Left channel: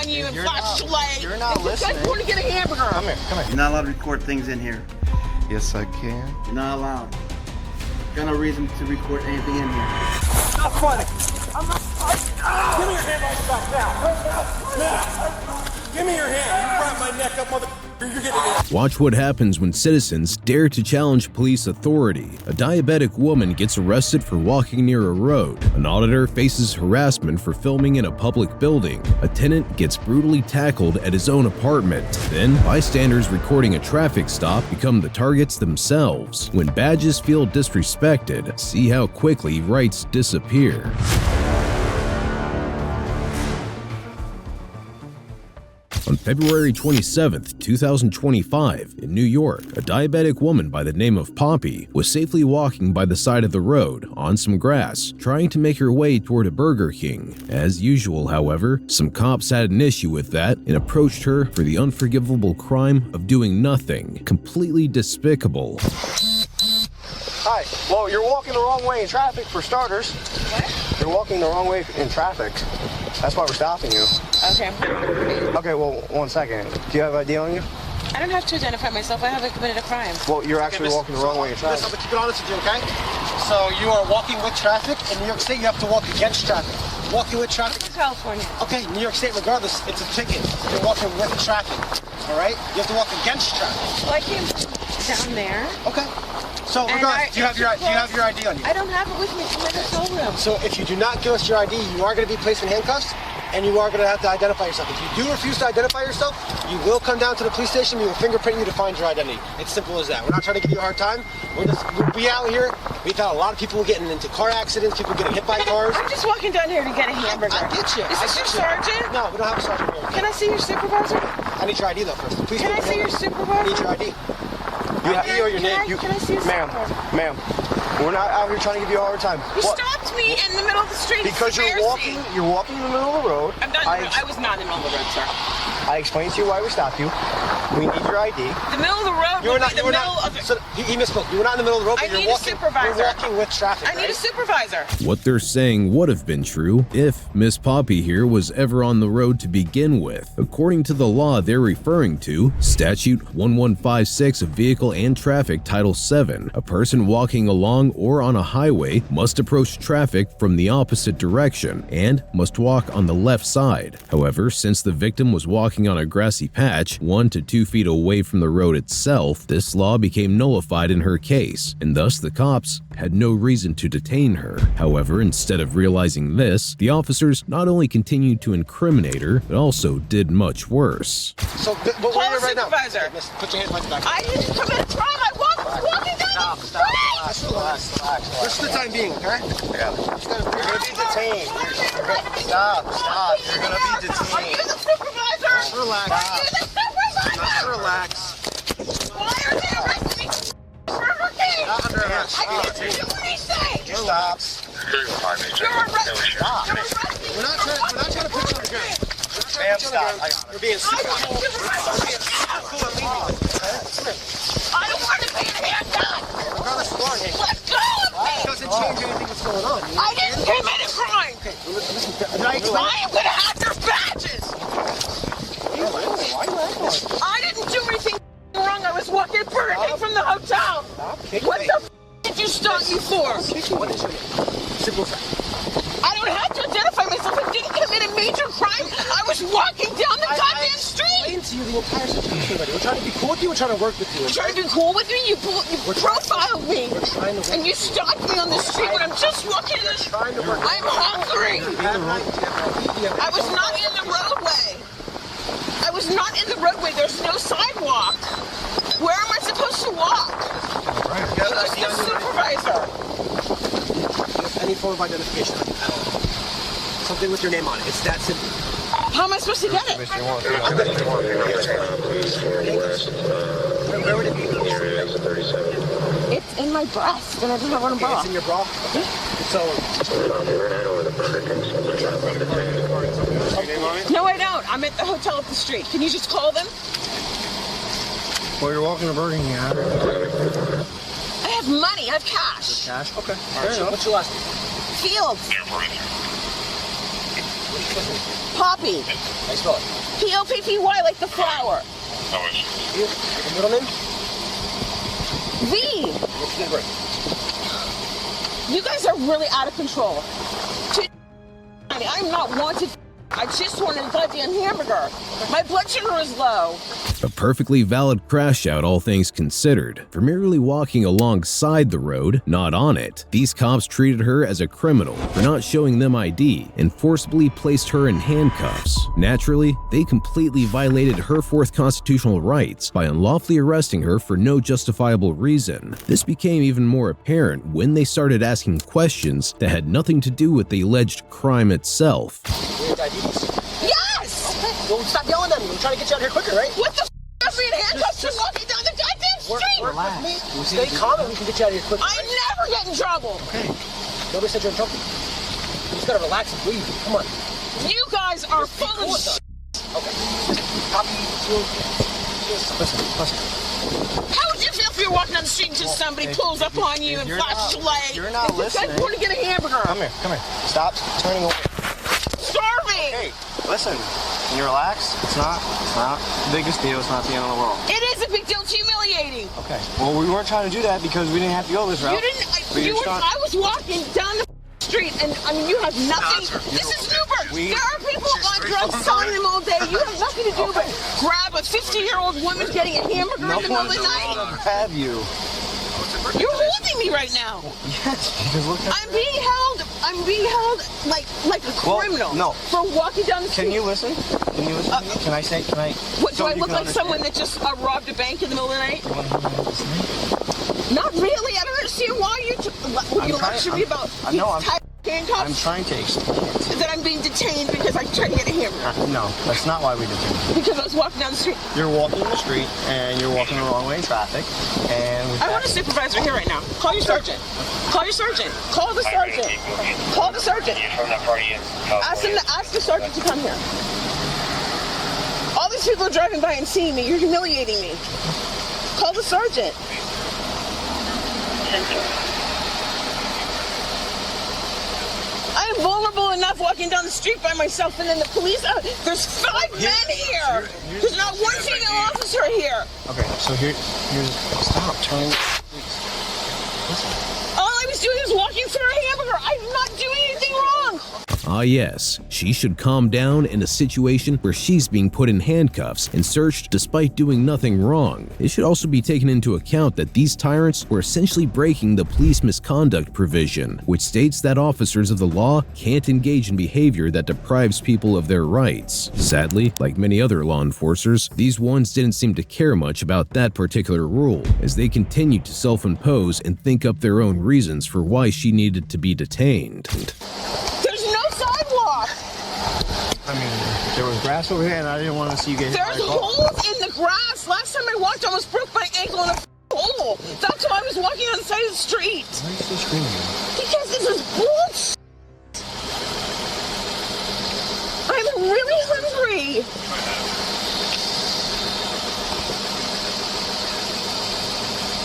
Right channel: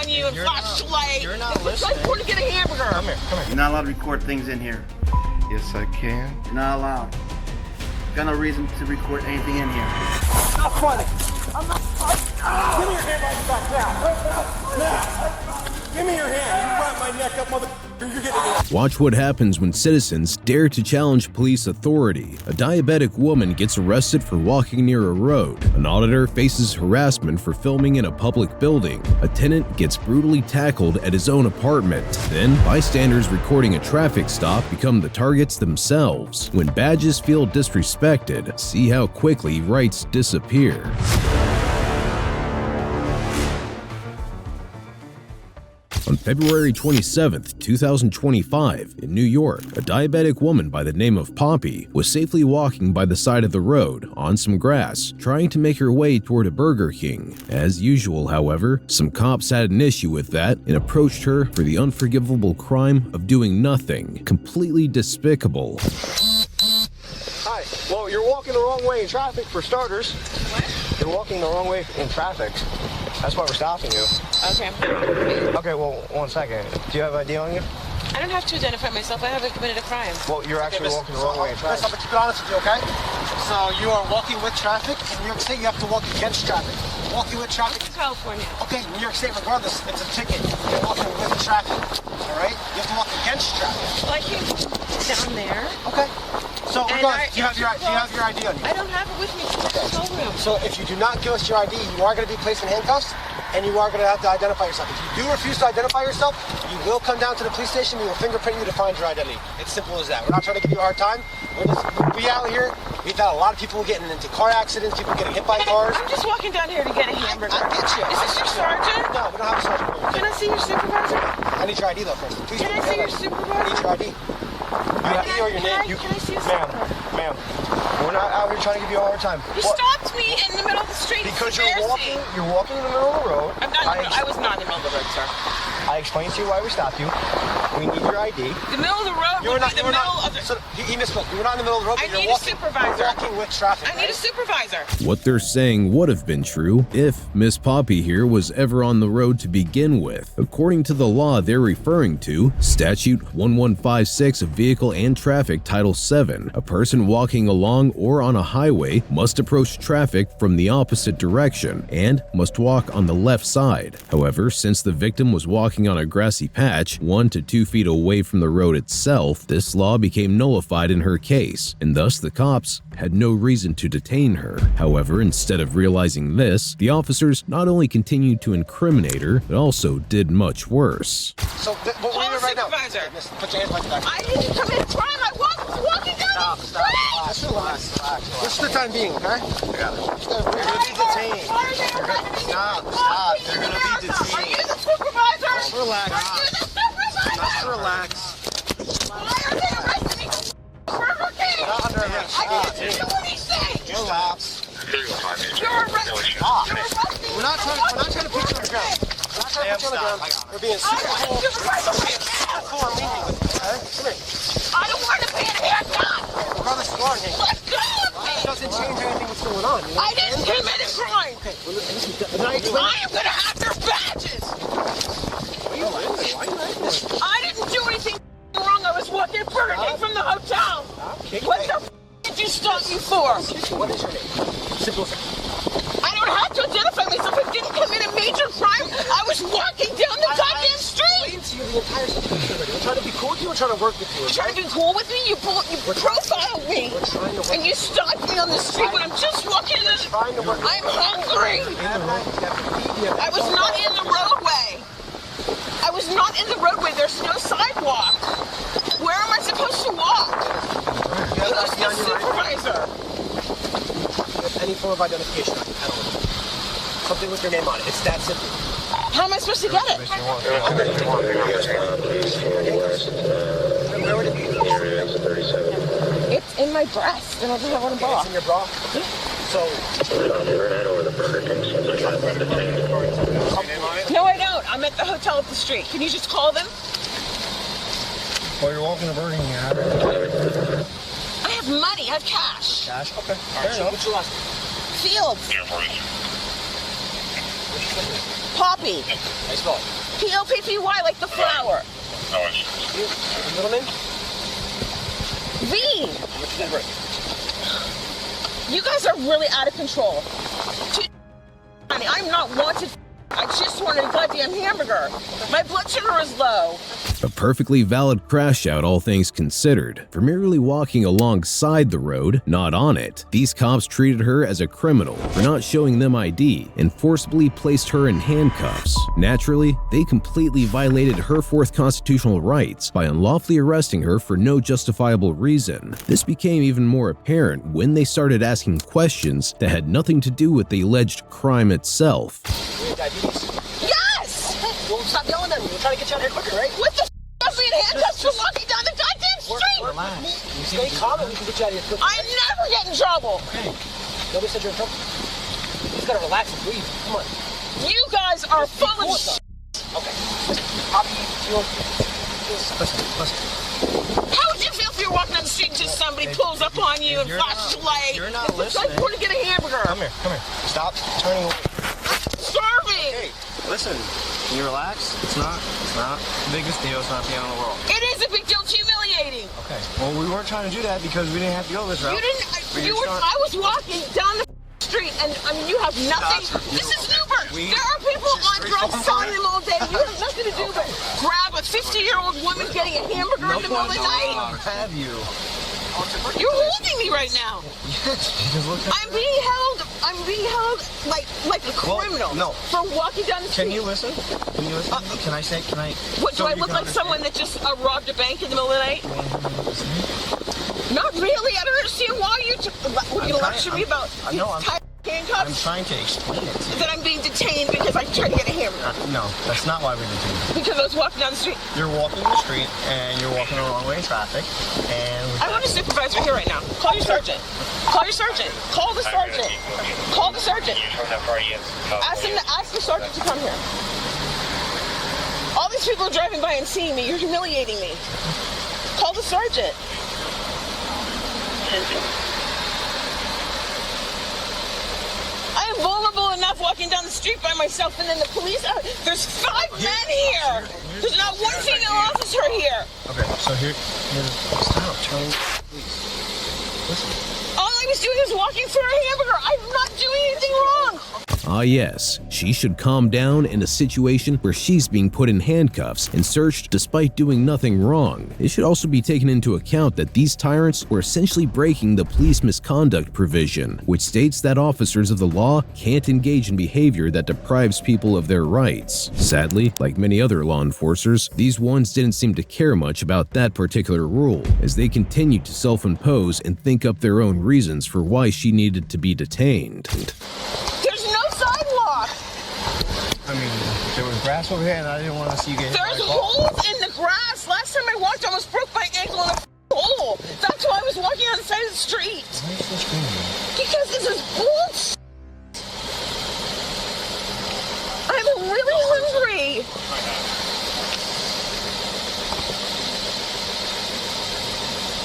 on you and flashlight. You're not listening. I want to get a hamburger. Come here. You're not allowed to record things in here. Yes, I can. You're not allowed. Got no reason to record anything in here. Not funny. I'm not funny. Give me your hand right back now. Now. Give me your hand. You wrap my neck up, mother. You're getting it. Watch what happens when citizens dare to challenge police authority. A diabetic woman gets arrested for walking near a road. An auditor faces harassment for filming in a public building. A tenant gets brutally tackled at his own apartment. Then, bystanders recording a traffic stop become the targets themselves. When badges feel disrespected, see how quickly rights disappear. On February 27, 2025, in New York, a diabetic woman by the name of Poppy was safely walking by the side of the road on some grass, trying to make her way toward a Burger King. As usual, however, some cops had an issue with that and approached her for the unforgivable crime of doing nothing. Completely despicable. Hi. Well, you're walking the wrong way in traffic, for starters. What? You're walking the wrong way in traffic. That's why we're stopping you. Okay. Okay, well, 1 second. Do you have ID on you? I don't have to identify myself. I haven't committed a crime. Well, you're actually walking the wrong way in traffic. Listen, I'm gonna keep it honest with you, okay? So you are walking with traffic. In New York State, you have to walk against traffic. Walking with traffic. California. Okay, New York State, regardless, it's a ticket. You're walking with traffic. All right? You have to walk against traffic. Well, I came down there. Okay. So regardless, do you have your ID on you? I don't have it with me from the control room. So if you do not give us your ID, you are going to be placed in handcuffs, and you are going to have to identify yourself. If you do refuse to identify yourself, you will come down to the police station. We will fingerprint you to find your identity. It's simple as that. We're not trying to give you a hard time. We out here. We've had a lot of people getting into car accidents, people getting hit by cars. I'm just walking down here to get a hamburger. I get you. Is this your sergeant? No, we don't have a sergeant here. Can I see your supervisor? I need your ID though first. Please Can I see your supervisor? I need your ID. You have or your name. Can I see your supervisor? Ma'am, we're not out here trying to give you a hard time. You stopped me in the middle of the street. Because you're walking in the middle of the road. I was not in the middle of the road, sir. I explained to you why we stopped you. We need your ID. The middle of the road would be the middle of the... So, he misspoke. We were not in the middle of the road, I but need you're a walking, supervisor. You're walking with traffic, I need a supervisor. What they're saying would have been true if Miss Poppy here was ever on the road to begin with. According to the law they're referring to, Statute 1156 of Vehicle and Traffic Title 7, a person walking along or on a highway must approach traffic from the opposite direction and must walk on the left side. However, since the victim was walking on a grassy patch 1 to 2 feet away from the road itself, this law became nullified in her case, and thus the cops had no reason to detain her. However, instead of realizing this, the officers not only continued to incriminate her, but also did much worse. So, what Call we're a right now. supervisor. Miss, put your hands right back. I didn't commit a crime. I was walking down the street. Just relax. Just for the time being, okay? Yeah. You're going to be detained. Stop. You're going to be detained. Are you the supervisor? Relax. Are you the supervisor? Just relax. Why are they arresting me? Burger King! Not under arrest. I didn't do anything! Stop. You're arresting me! We're not trying to put you on the ground. We're not trying to put you on the ground. We're being super cool. We're being super cool and lenient with you, okay? Come here. I don't want to be in handcuffs! Regardless, you are in handcuffs. Let go of me! It doesn't change anything that's going on. You know? I didn't commit a crime! Okay, well, listen. Did I explain? I am going to have your badges! What are you doing? Why are you laughing? I didn't do anything wrong. I was walking Burger King from the hotel. Stop kicking What me. the did you stop me for? What is your name? Simple as that. I don't have to identify myself. I didn't commit a major crime. I was walking down the goddamn street. I explained to you the entire situation already. We're trying to be cool with you. We're trying to work with you. You trying to be cool with me? You profiled me. We're trying to work. And you stopped me on the street when I'm just walking in the... Trying to work. I'm hungry. I was not in the roadway. I was not in the roadway. There's no sidewalk. Where am I supposed to walk? You have an ID on your Supervisor. Do you have any form of identification at all? Something with your name on it. It's that simple. How am I supposed to get it? Where would it be? It's in my breast, and I don't have one bra. It's in your bra? So... No, I don't. I'm at the hotel up the street. Can you just call them? Well, you're walking to Burger King, I have money. I have cash. Cash? Okay. Fair enough. What's your last name? Fields. Poppy. How you spell it? P-O-P-P-Y, like the flower. You? The middle name? V. What's your name? You guys are really out of control. I'm not wanted. I just wanted a goddamn hamburger. My blood sugar is low. A perfectly valid crash out, all things considered. For merely walking alongside the road, not on it, these cops treated her as a criminal for not showing them ID and forcibly placed her in handcuffs. Naturally, they completely violated her fourth constitutional rights by unlawfully arresting her for no justifiable reason. This became even more apparent when they started asking questions that had nothing to do with the alleged crime itself. Yes! Okay. Well, stop yelling at me. We're trying to get you out here quicker, right? What the f*** are you in handcuffs for walking down the goddamn street? Relax. Stay calm and we can get you out of here quicker. I never get in trouble. Okay. Nobody said you're in trouble. You just gotta relax and breathe. Come on. You guys are full of shit. Okay. Poppy, listen. How would you feel if you were walking down the street and just somebody pulls up on you and flashes a light? You're not listening. I want to get a hamburger. Come here. Stop turning away. Starving. Hey, listen, can you relax? It's not the biggest deal. It's not the end of the world. It is a big deal. It's humiliating. Okay. Well, we weren't trying to do that because we didn't have to go this route. You didn't. I was walking down the street, and I mean, you have nothing. This is Newburgh. There are people on drugs selling them all day. You have nothing to do but grab a 50-year-old woman getting a hamburger in the middle of the night. Grab you. You're holding me right now. Yes, because look at I'm being held like a criminal. no. For walking down the street. Can you listen? Can you listen? Can I say? What, so do I you look can like understand? someone that just robbed a bank in the middle of the night? You want to hear what I have to say? Not really. I don't understand why you lecture me about handcuffs. I'm trying to explain it. That I'm being detained because I tried to get a hamburger. No, that's not why we detained you. Because I was walking down the street. You're walking in the street and you're walking the wrong way in traffic, and I want a supervisor here right now. Call your sergeant. Call your sergeant. Call the sergeant. Call the sergeant. Ask the sergeant to come here. All these people are driving by and seeing me. You're humiliating me. Call the sergeant. I am vulnerable enough walking down the street by myself, and then the police. There's 5 men here. There's not one female officer here. Okay, so here, stop, turning, please. Listen. All I was doing was walking for a hamburger. I'm not doing anything wrong. Ah yes, she should calm down in a situation where she's being put in handcuffs and searched despite doing nothing wrong. It should also be taken into account that these tyrants were essentially breaking the police misconduct provision, which states that officers of the law can't engage in behavior that deprives people of their rights. Sadly, like many other law enforcers, these ones didn't seem to care much about that particular rule, as they continued to self-impose and think up their own reasons for why she needed to be detained. I mean, there was grass over here, and I didn't want to see you get hit by a There's car. holes in the grass. Last time I walked, I almost broke my ankle in a hole. That's why I was walking on the side of the street. Why are you still screaming? Because this is bullshit. I'm really hungry.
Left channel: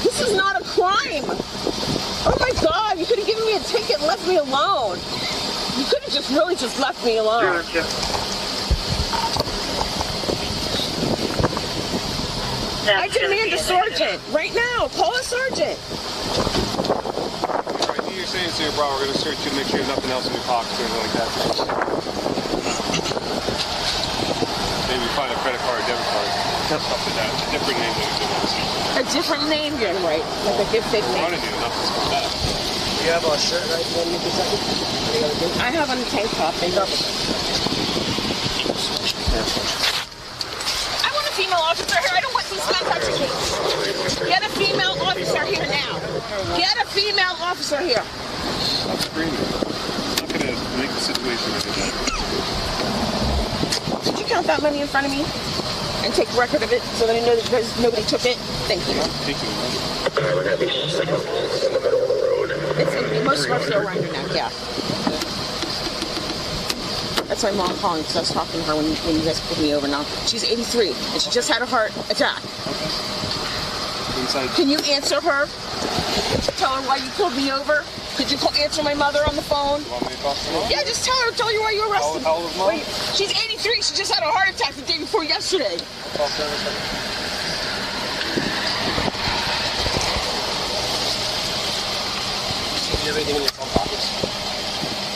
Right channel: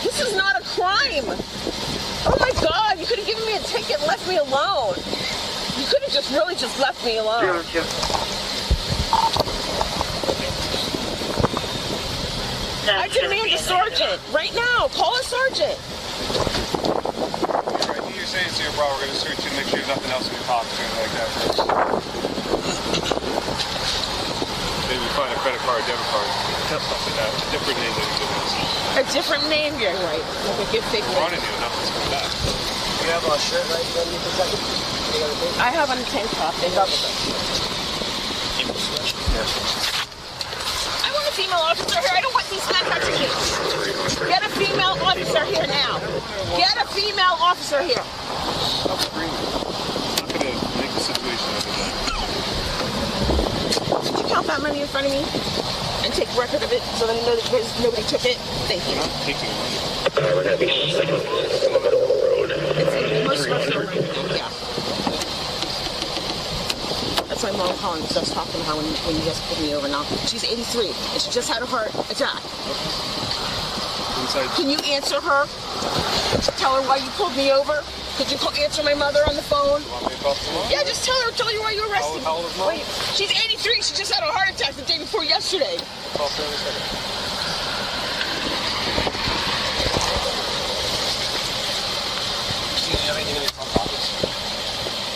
This is not a crime. Oh my God, you could have given me a ticket and left me alone. You could have just really just left me alone. I demand a sergeant right now. Call a sergeant. You're saying to your bro, we're gonna search to make sure there's nothing else in your pocket or anything like that. Maybe find a credit card, debit card. Stuff like that. Different name than A different name, you're right. Like a good fake name. You have a shirt right underneath the jacket? I have on a tank top. I want a female officer here. I don't want these contact police. Get a female officer here now. Get a female officer here. I'm screaming. I'm gonna make the situation better. Did you count that money in front of me? And take record of it so that I know that nobody took it? Thank you. I'm taking money. We're going to be signaled in the middle of the road. Most of us are around here now, yeah. That's my mom calling because I was talking to her when you guys pulled me over now. She's 83 and she just had a heart attack. Can you answer her? Tell her why you pulled me over? Could you answer my mother on the phone? You want me to talk to her? Yeah, just tell her why you arrested me. How old is Mom? She's 83. She just had a heart attack the day before yesterday. Talk to her in a second. Everything in your phone pockets.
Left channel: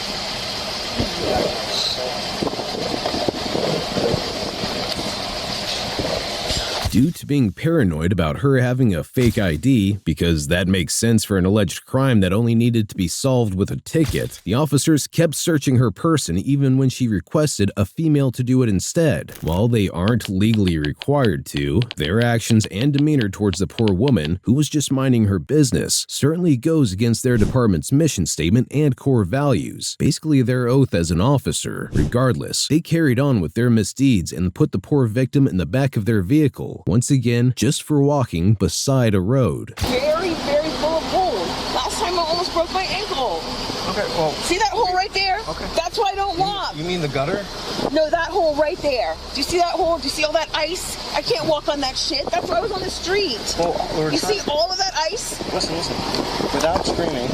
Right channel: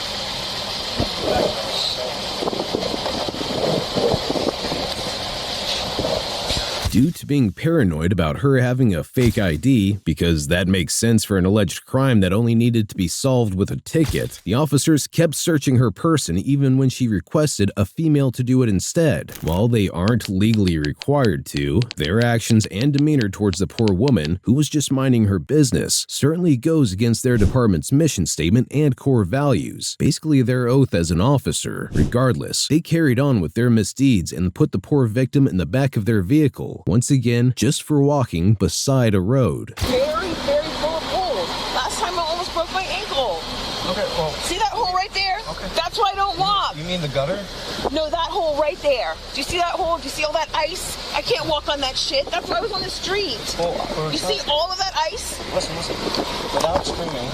Due to being paranoid about her having a fake ID, because that makes sense for an alleged crime that only needed to be solved with a ticket, the officers kept searching her person even when she requested a female to do it instead. While they aren't legally required to, their actions and demeanor towards the poor woman, who was just minding her business, certainly goes against their department's mission statement and core values, basically their oath as an officer. Regardless, they carried on with their misdeeds and put the poor victim in the back of their vehicle, once again just for walking beside a road. Very, very full of holes. Last time I almost broke my ankle. Okay, well. See that hole right there? Okay. That's why I don't walk. You mean the gutter? No, that hole right there. Do you see that hole? Do you see all that ice? I can't walk on that shit. That's why I was on the street. Well, you see all of that ice? Listen. Without screaming,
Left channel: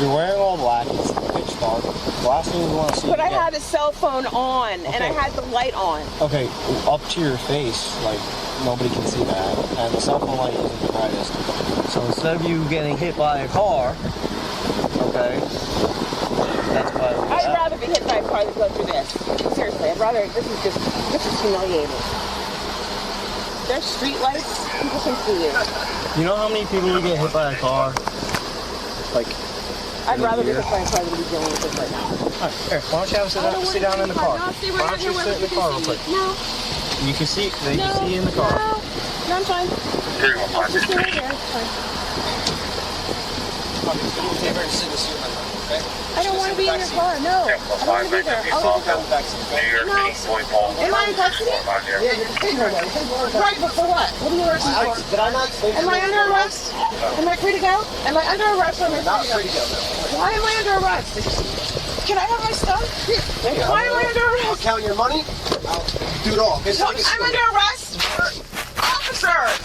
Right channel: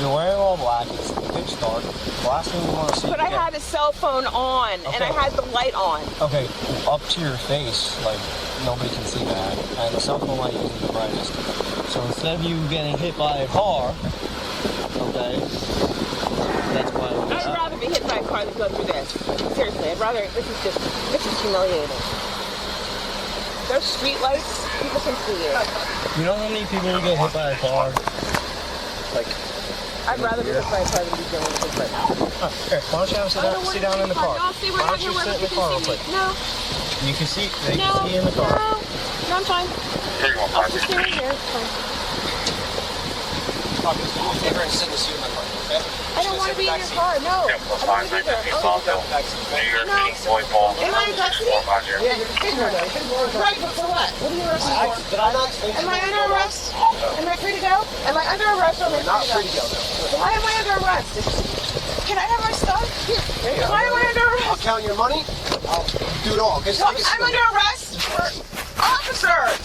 you're wearing all black. It's pitch dark. The last thing we want to see. But I had a cell phone on, and I had the light on. Okay, up to your face, like nobody can see that, and the cell phone light isn't the brightest. So instead of you getting hit by a car, okay, that's why. I'd rather be hit by a car than go through this. Seriously, I'd rather. This is humiliating. There's street lights. People can see it. You know how many people get hit by a car? Like. I'd rather be hit by a car than be dealing with this right now. Alright, here, why don't you have a sit down in the car? No, stay right Why don't you sit in the car real quick? No. You can see, they can see you in the car. No, I'm fine. I'll just stay right here. It's fine. Take her and send this to your number, okay? I don't want to be in your car. No. I don't want to be there. I'll go back. Am I in custody? Yeah, you're taking her away. Right, but for what? What are you arresting for? Did I not explain Am I under arrest? Am I free to go? Am I under arrest or am I Not free free to to go? go. Why am I under arrest? Can I have my stuff? Why am I under I'll arrest? count your money. I'll do it all. I'm under arrest? Officer!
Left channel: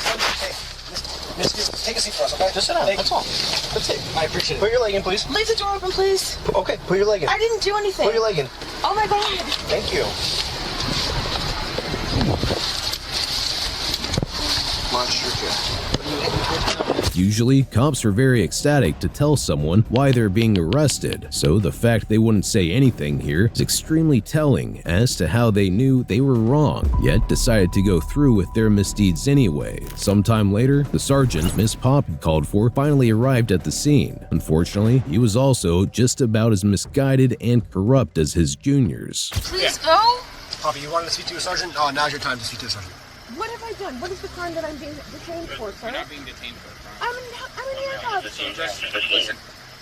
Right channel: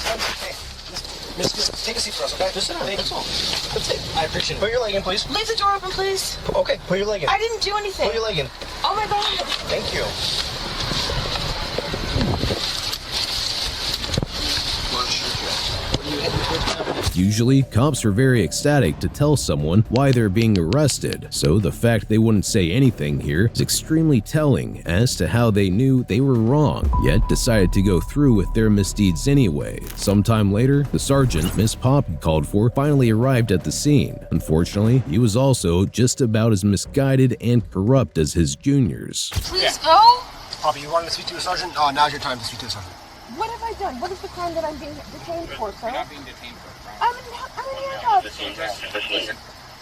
Just take a seat for us, okay? Just sit down, that's all. That's it. I appreciate it. Put your leg in, please. Leave the door open, please. Okay, put your leg in. I didn't do anything. Put your leg in. Oh my God. Thank you. Usually, cops are very ecstatic to tell someone why they're being arrested, so the fact they wouldn't say anything here is extremely telling as to how they knew they were wrong, yet decided to go through with their misdeeds anyway. Sometime later, the sergeant Miss Poppy called for finally arrived at the scene. Unfortunately, he was also just about as misguided and corrupt as his juniors. Please go. Poppy, you wanted to speak to a sergeant? Oh, now's your time to speak to a sergeant. What have I done? What is the crime that I'm being detained for, sir? You're not being detained for a crime. I'm in handcuffs. So just listen.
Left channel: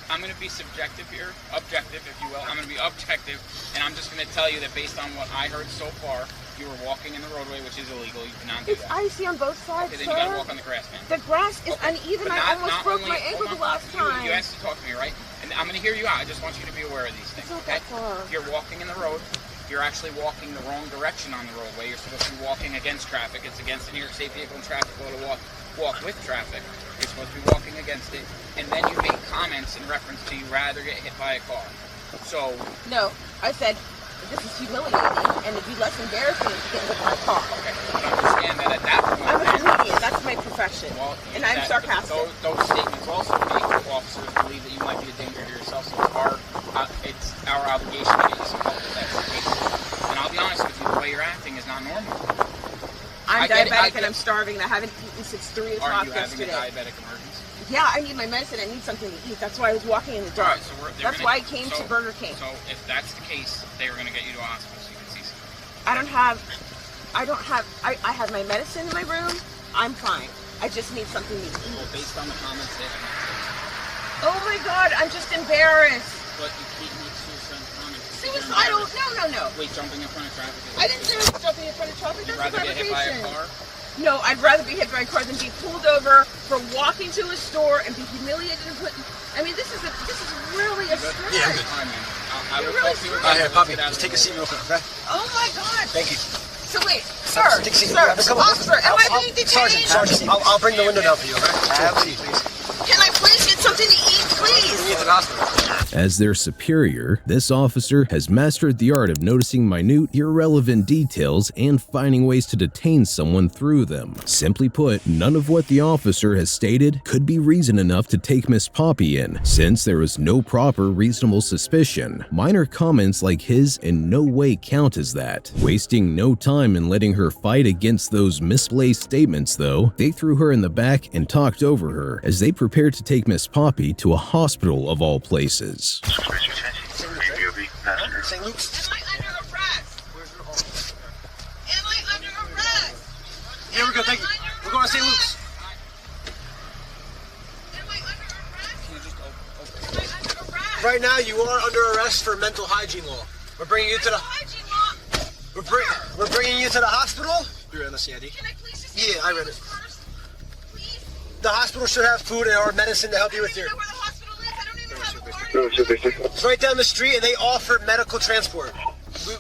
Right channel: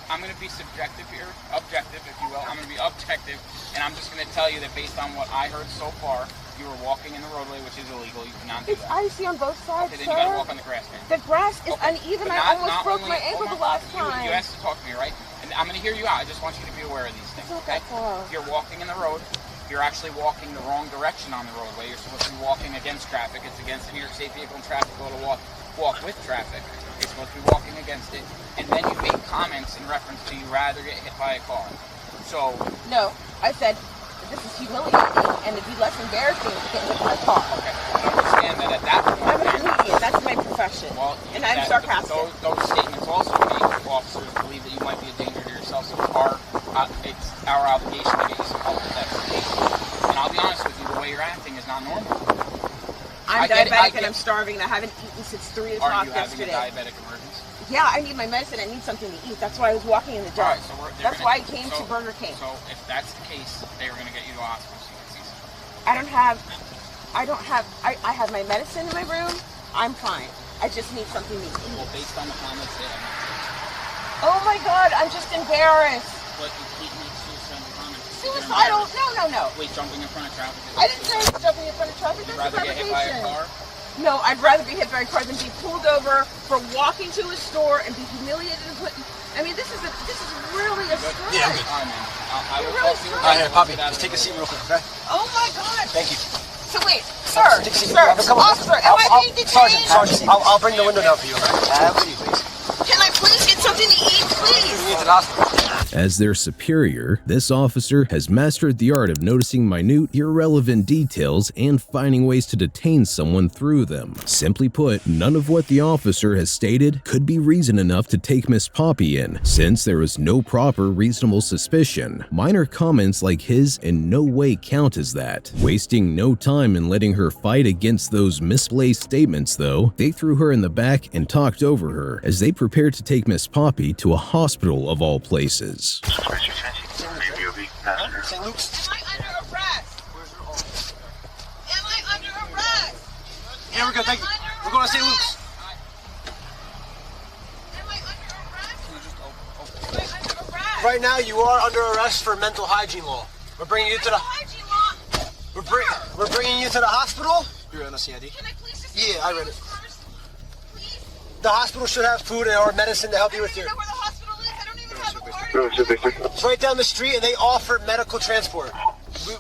I'm going to be subjective here, objective, if you will. I'm going to be objective, and I'm just going to tell you that based on what I heard so far, you were walking in the roadway, which is illegal. You cannot do It's that. icy on both sides, Okay, then sir. you got to walk on the grass, man. The grass is uneven. But I almost broke only- my ankle the hold on, last time. You asked to talk to me, right? And I'm going to hear you out. I just want you to be aware of these things, It's not okay? that far. You're walking in the road. You're actually walking the wrong direction on the roadway. You're supposed to be walking against traffic. It's against the New York State Vehicle and Traffic Law to walk with traffic. You're supposed to be walking against it. And then you make comments in reference to you rather get hit by a car. So... No, I said, this is humiliating, and it'd be less embarrassing to get hit by a car. Okay, but understand that at that point... I'm a then, comedian. That's my profession. Well, and I'm sarcastic. Those statements also make officers believe that you might be a danger to yourself. So it's our obligation to get you some help if that's the case. And I'll be honest with you, the way you're acting is not normal. I'm diabetic and I'm starving, and I haven't eaten since 3 o'clock Are you yesterday. having a diabetic emergency? Yeah, I need my medicine. I need something to eat. That's why I was walking in the dark. All right, so that's why I came to Burger King. So if that's the case, they were going to get you to a hospital so you can see someone. I have my medicine in my room. I'm fine. I just need something to eat. Well, based on the comments there. Oh my God, I'm just embarrassed. But you can't see certain comments. Suicidal? No. Wait, jumping in front of traffic? I didn't say jumping in front of traffic. That's a Rather get hit by a fabrication. car? No, I'd rather be hit by a car than be pulled over for walking to a store and be humiliated and put. I mean, this is really a stretch. Yeah, I'm good. I You're will really talk to you. strong. Here, Poppy, just take a seat real quick, okay? Oh my God. Thank you. So wait, sir, Take a seat. sir, Come on. officer, am I being detained? Sergeant, I'll bring the window down for you, okay? Can I please get something to eat, please? You need to hospital. As their superior, this officer has mastered the art of noticing minute, irrelevant details and finding ways to detain someone through them. Simply put, none of what the officer has stated could be reason enough to take Miss Poppy in, since there was no proper reasonable suspicion. Minor comments like his in no way count as that. Wasting no time in letting her fight against those misplaced statements, though, they threw her in the back and talked over her as they prepared to take Miss Poppy to a hospital of all places. St. Luke's. Am I under arrest? Am I under arrest? Here we go, thank you. We're going to St. Luke's. Am I under arrest? Right now, you are under arrest for mental hygiene law. We're bringing you to the. We're bringing you to the hospital. You read the CID? Can I please just Yeah, I read it. first? Please? The hospital should have food or medicine to help you with your. I don't even know where the hospital is. I don't even have a card. It's right down the street, and they offer medical transport.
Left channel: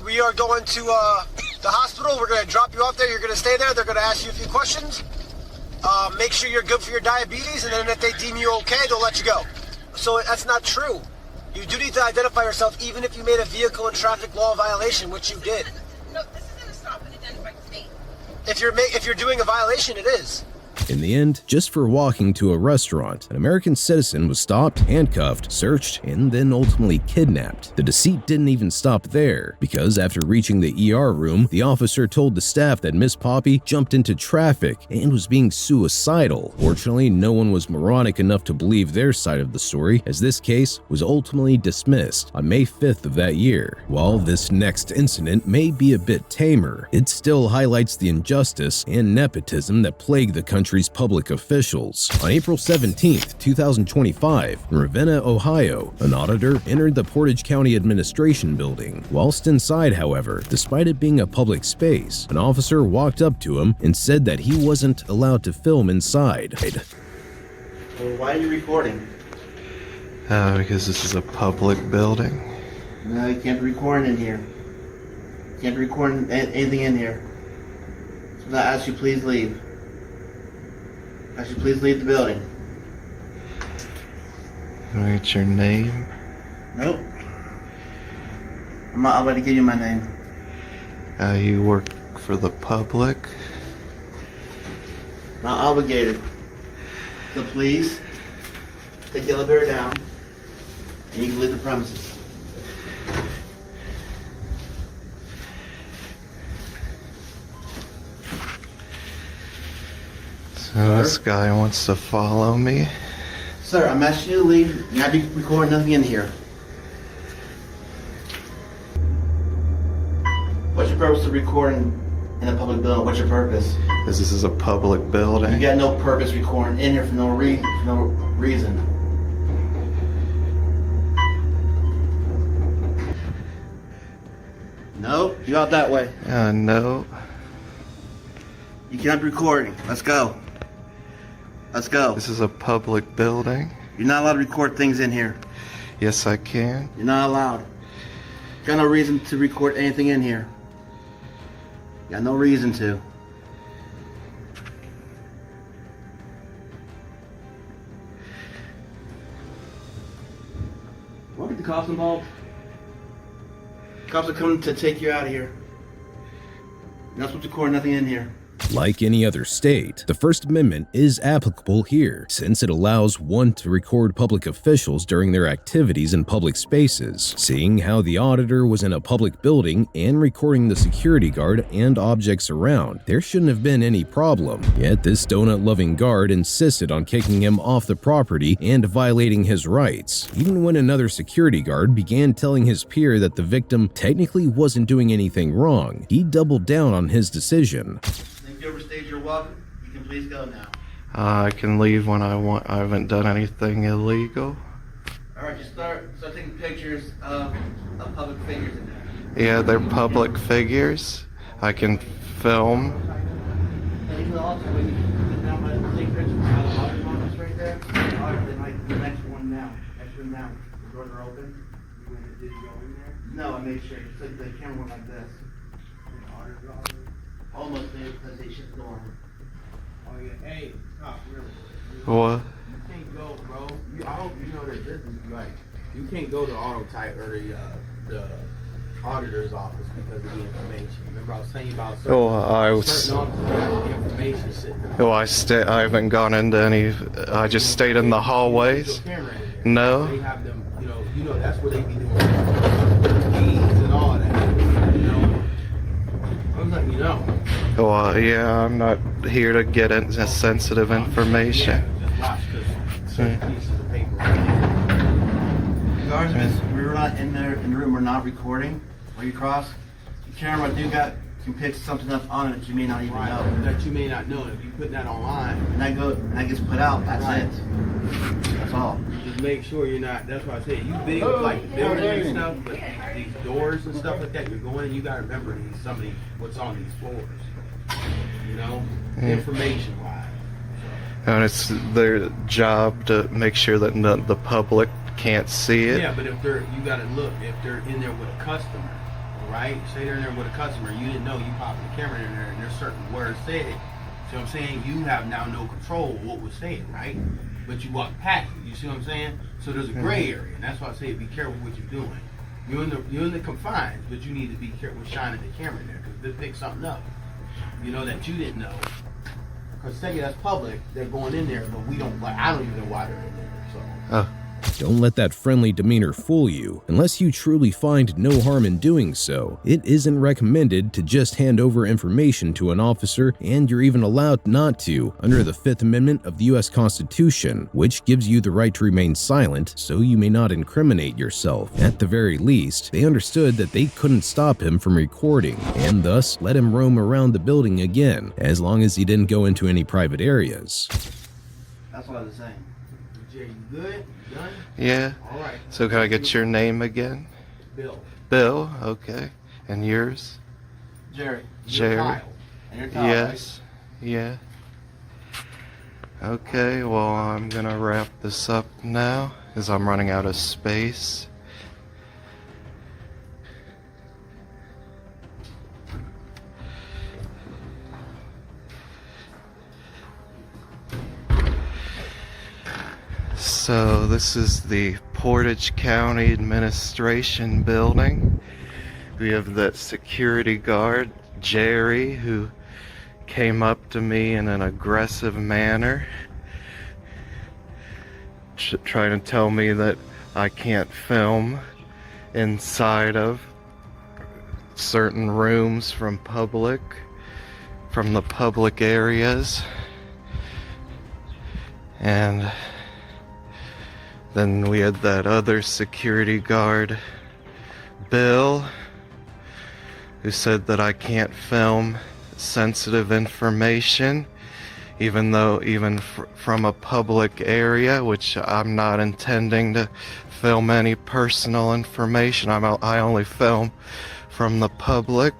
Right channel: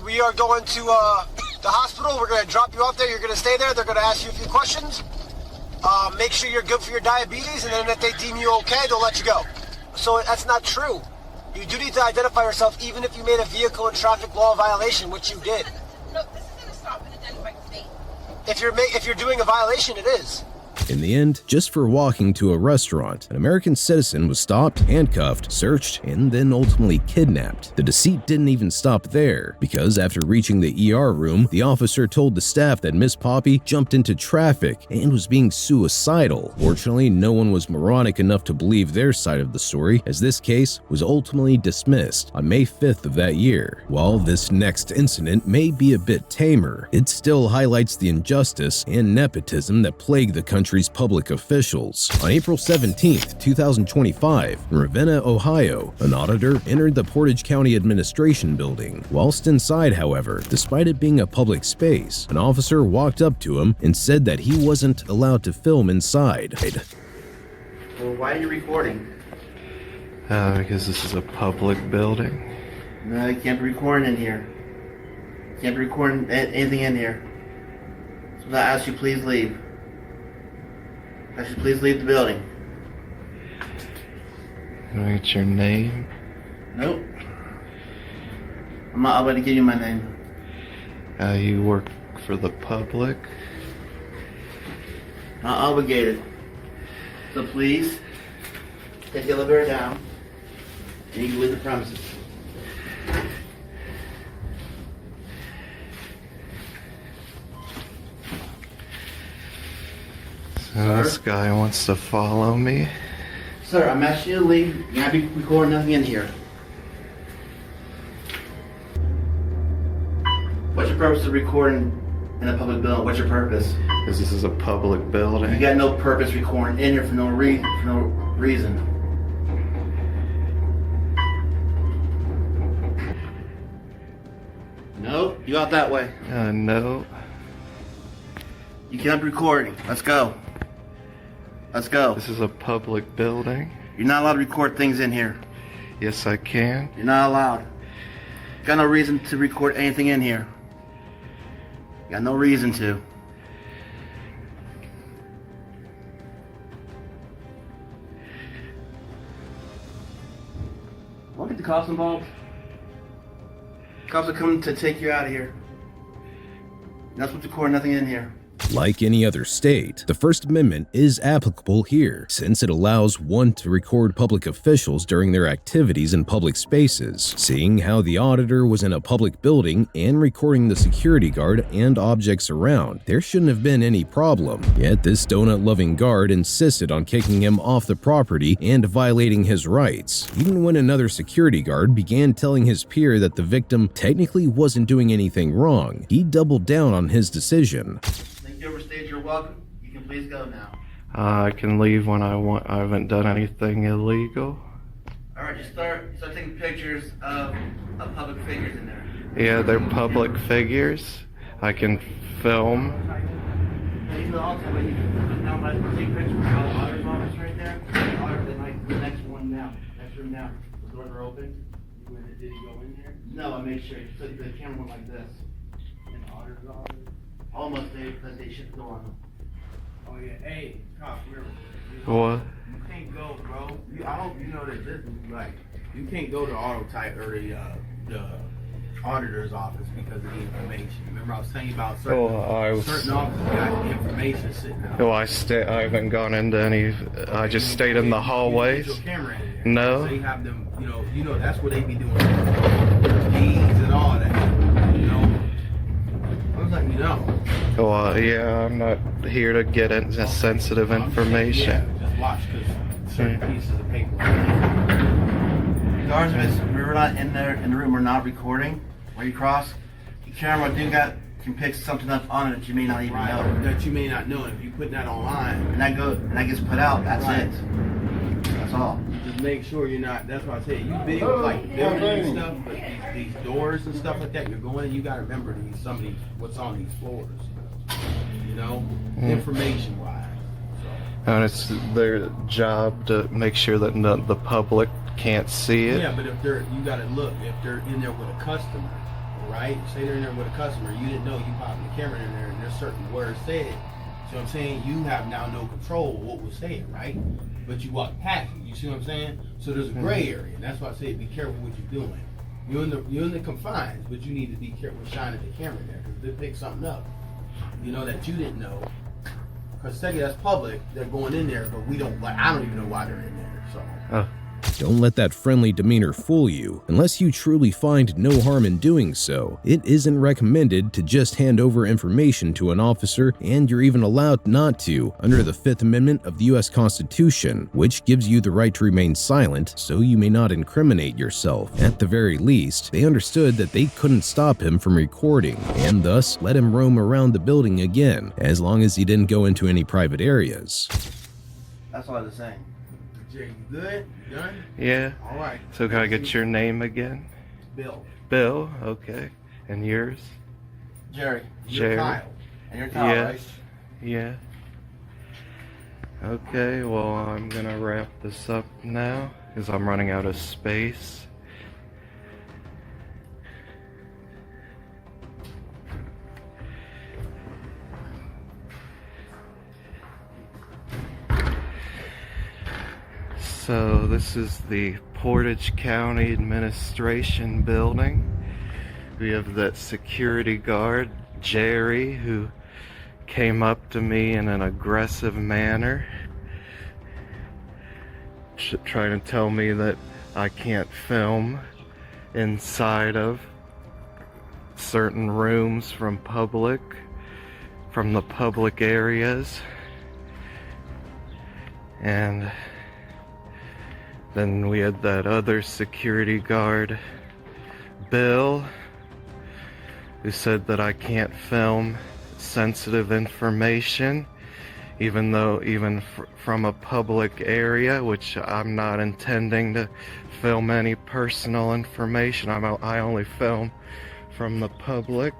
We are going to the hospital. We're going to drop you off there. You're going to stay there. They're going to ask you a few questions. Make sure you're good for your diabetes, and then if they deem you okay, they'll let you go. So that's not true. You do need to identify yourself, even if you made a vehicle and traffic law violation, which you did. No, this isn't a stop and identify state. If you're doing a violation, it is. In the end, just for walking to a restaurant, an American citizen was stopped, handcuffed, searched, and then ultimately kidnapped. The deceit didn't even stop there, because after reaching the ER room, the officer told the staff that Miss Poppy jumped into traffic and was being suicidal. Fortunately, no one was moronic enough to believe their side of the story, as this case was ultimately dismissed on May 5th of that year. While this next incident may be a bit tamer, it still highlights the injustice and nepotism that plague the country's public officials. On April 17, 2025, in Ravenna, Ohio, an auditor entered the Portage County Administration Building. Whilst inside, however, despite it being a public space, an officer walked up to him and said that he wasn't allowed to film inside. Well, why are you recording? Because this is a public building. No, you can't be recording in here. You can't be recording anything in here. So I ask you please leave. I should please leave the building. Can I get your name? Nope. I'm not about to give you my name. You work for the public? Not obligated. So please, take the elevator down, and you can leave the premises. This guy wants to follow me. Sir, I'm asking you to leave. You're not be recording nothing in here. What's your purpose of recording in a public building? What's your purpose? Because this is a public building. You got no purpose recording in here for no reason. No, you out that way. No. You can't be recording. Let's go. Let's go. This is a public building. You're not allowed to record things in here. Yes, I can. You're not allowed. Got no reason to record anything in here. Got no reason to. Want to get the cops involved? Cops are coming to take you out of here. You're not supposed to record nothing in here. Like any other state, the First Amendment is applicable here, since it allows one to record public officials during their activities in public spaces. Seeing how the auditor was in a public building and recording the security guard and objects around, there shouldn't have been any problem. Yet this donut-loving guard insisted on kicking him off the property and violating his rights. Even when another security guard began telling his peer that the victim technically wasn't doing anything wrong, he doubled down on his decision. You overstayed your welcome. You can please go now. I can leave when I want. I haven't done anything illegal. Alright, just start taking pictures of public figures in there. Yeah, they're public figures. I can film. And you can also, when you come down by take pictures of all the auditor's office right there, then like the next one down. Next room down. The doors are open. Did you go in there? No, I made sure. So the camera went like this. And the auditor's office. Almost there because they shut the door. Oh yeah, hey, cop, What? you can't go, bro. I hope you know that this is like, you can't go to auto type or the auditor's office because of the information. Remember I was telling you about certain, certain offices got information sitting there. Oh, I haven't gone into any. I just stayed in the hallways. No. They have them, you know that's what they be doing. Keys and all that. I'm letting you know. Well, yeah, I'm not here to get into sensitive information. Yeah, just watch because certain pieces of paper. Regardless, we were not in there in the room. We're not recording. Where you cross, your camera can pick something up on it that you may not even know. That you may not know. If you put that online, And that gets put out. That's it. That's all. just make sure you're not. That's why I say you video like the building and stuff, but these doors and stuff like that, you're going. You got to remember some of these what's on these floors. Information wise. And it's their job to make sure that the public can't see it. Yeah, but if you got to look if they're in there with a customer, right? Say they're in there with a customer, you didn't know, you popped the camera in there, and there's certain words said. So I'm saying you have now no control of what was said, right? But you walk past it. You see what I'm saying? So there's a gray area, and that's why I say be careful what you're doing. You're in the confines, but you need to be careful shining the camera there because they pick something up, that you didn't know. Because say that's public, they're going in there, but we don't. Like I don't even know why they're in there. So. Don't let that friendly demeanor fool you. Unless you truly find no harm in doing so, it isn't recommended to just hand over information to an officer, and you're even allowed not to under the 5th Amendment of the U.S. Constitution, which gives you the right to remain silent so you may not incriminate yourself. At the very least, they understood that they couldn't stop him from recording, and thus let him roam around the building again, as long as he didn't go into any private areas. That's all I was saying. Jay, you good? Done? Yeah. All right. So can I get your name again? Bill. Bill. Okay. And yours? Jerry. Jerry. Kyle. And you're Kyle, Yes. Yeah. Okay. Well, I'm gonna wrap this up now because I'm running out of space. So this is the Portage County Administration Building. We have that security guard, Jerry, who came up to me in an aggressive manner, trying to tell me that I can't film inside of certain rooms from the public areas. And then we had that other security guard, Bill, who said that I can't film sensitive information, even from a public area, which I'm not intending to film any personal information. I only film from the public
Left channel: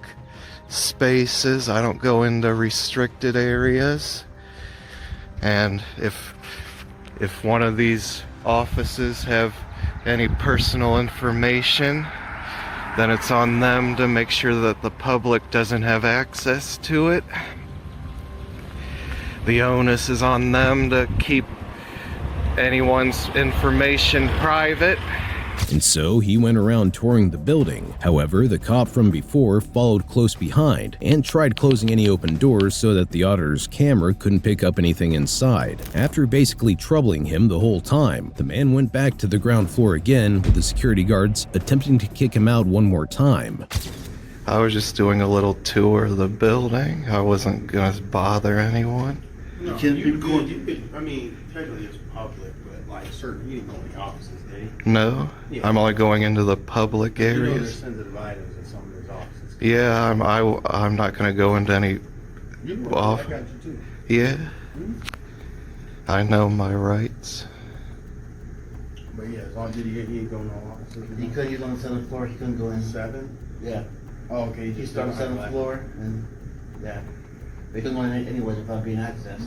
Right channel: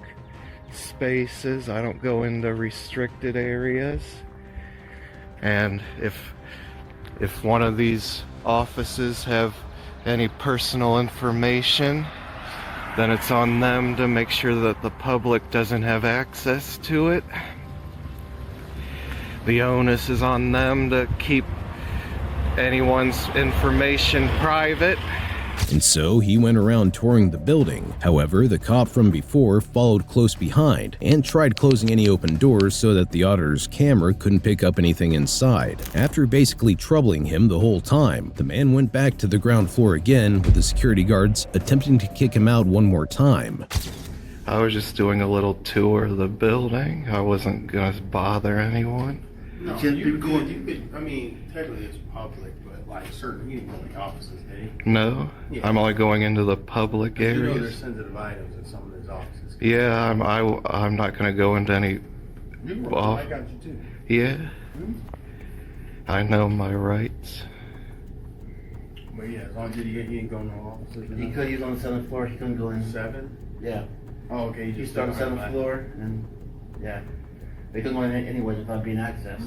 spaces. I don't go into restricted areas. And if one of these offices have any personal information, then it's on them to make sure that the public doesn't have access to it. The onus is on them to keep anyone's information private. And so he went around touring the building. However, the cop from before followed close behind and tried closing any open doors so that the auditor's camera couldn't pick up anything inside. After basically troubling him the whole time, the man went back to the ground floor again, with the security guards attempting to kick him out one more time. I was just doing a little tour of the building. I wasn't gonna bother anyone. No, you could, I mean, technically it's public, but like certain, you didn't go in the offices, did you? No, Yeah. I'm only going into the public You know there's areas. sensitive items in some of those offices. Yeah, I'm not gonna go into any. You Off. I got you too. Yeah, I know my rights. But yeah, as long as he ain't going to no offices. He's on the 7th floor. He couldn't go in. 7? Yeah. Oh, okay. He started on the 7th floor, and yeah. They couldn't go in anyways without being accessed.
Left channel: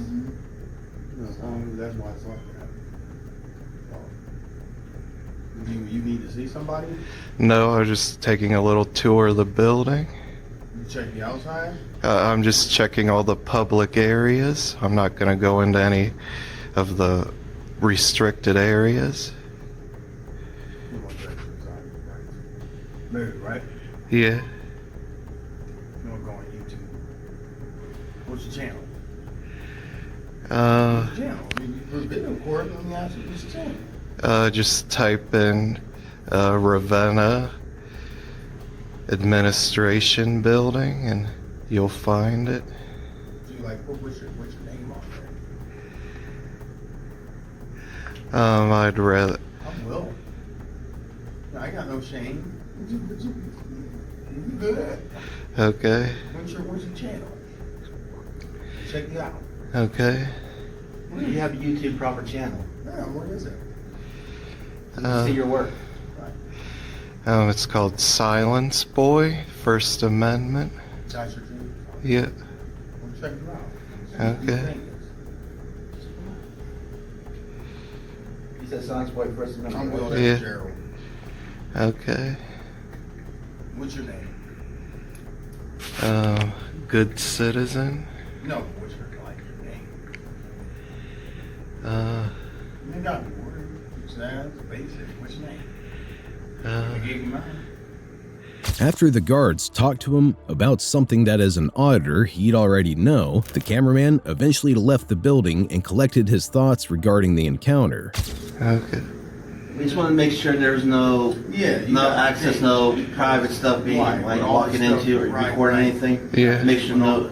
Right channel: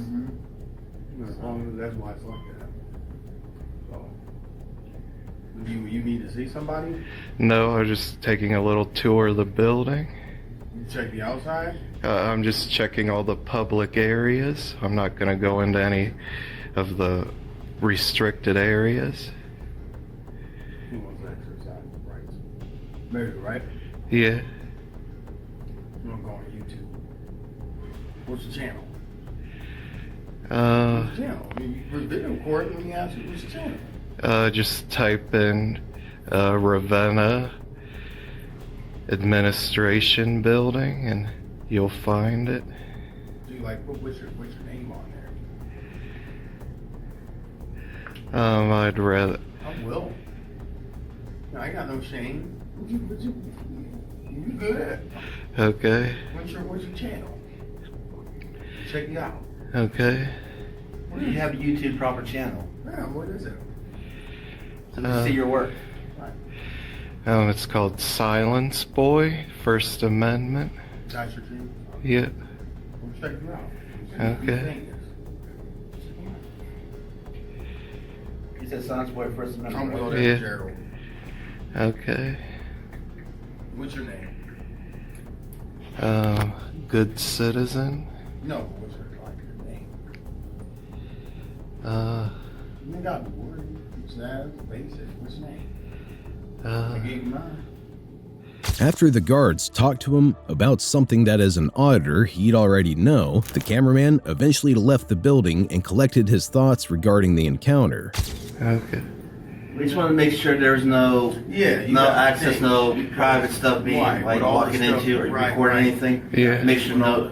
As long as that's why it's like that. So, you need to see somebody? No, I was just taking a little tour of the building. Check the outside? I'm just checking all the public areas. I'm not going to go into any of the restricted areas. You want to check the inside, right? Maybe, right? Yeah. You want to go on YouTube? What's your channel? Uh, Channel. I mean, for video recording, let me ask you, what's your channel? just type in Ravenna Administration Building and you'll find it. Do you like what's your name on there? I'd rather. I will. No, I got no shame. You good? Okay. What's your channel? Check you out. Okay. You have a YouTube proper channel. Yeah, what is it? You can see your work. It's called Silence Boy, First Amendment. That's your channel? Yeah. Well, check you out. Okay. You said Silence Boy First I'm Amendment. Will Yeah. Gerald. Okay. What's your name? Good Citizen. No, what's your name? You ain't got to worry. It's that basic. What's your name? I gave you mine. After the guards talked to him about something that as an auditor he'd already know, the cameraman eventually left the building and collected his thoughts regarding the encounter. Okay. We just want to make sure there's no access, think. no private stuff being Right, like with all walking this stuff, into or right, recording right. anything. Yeah. Make sure no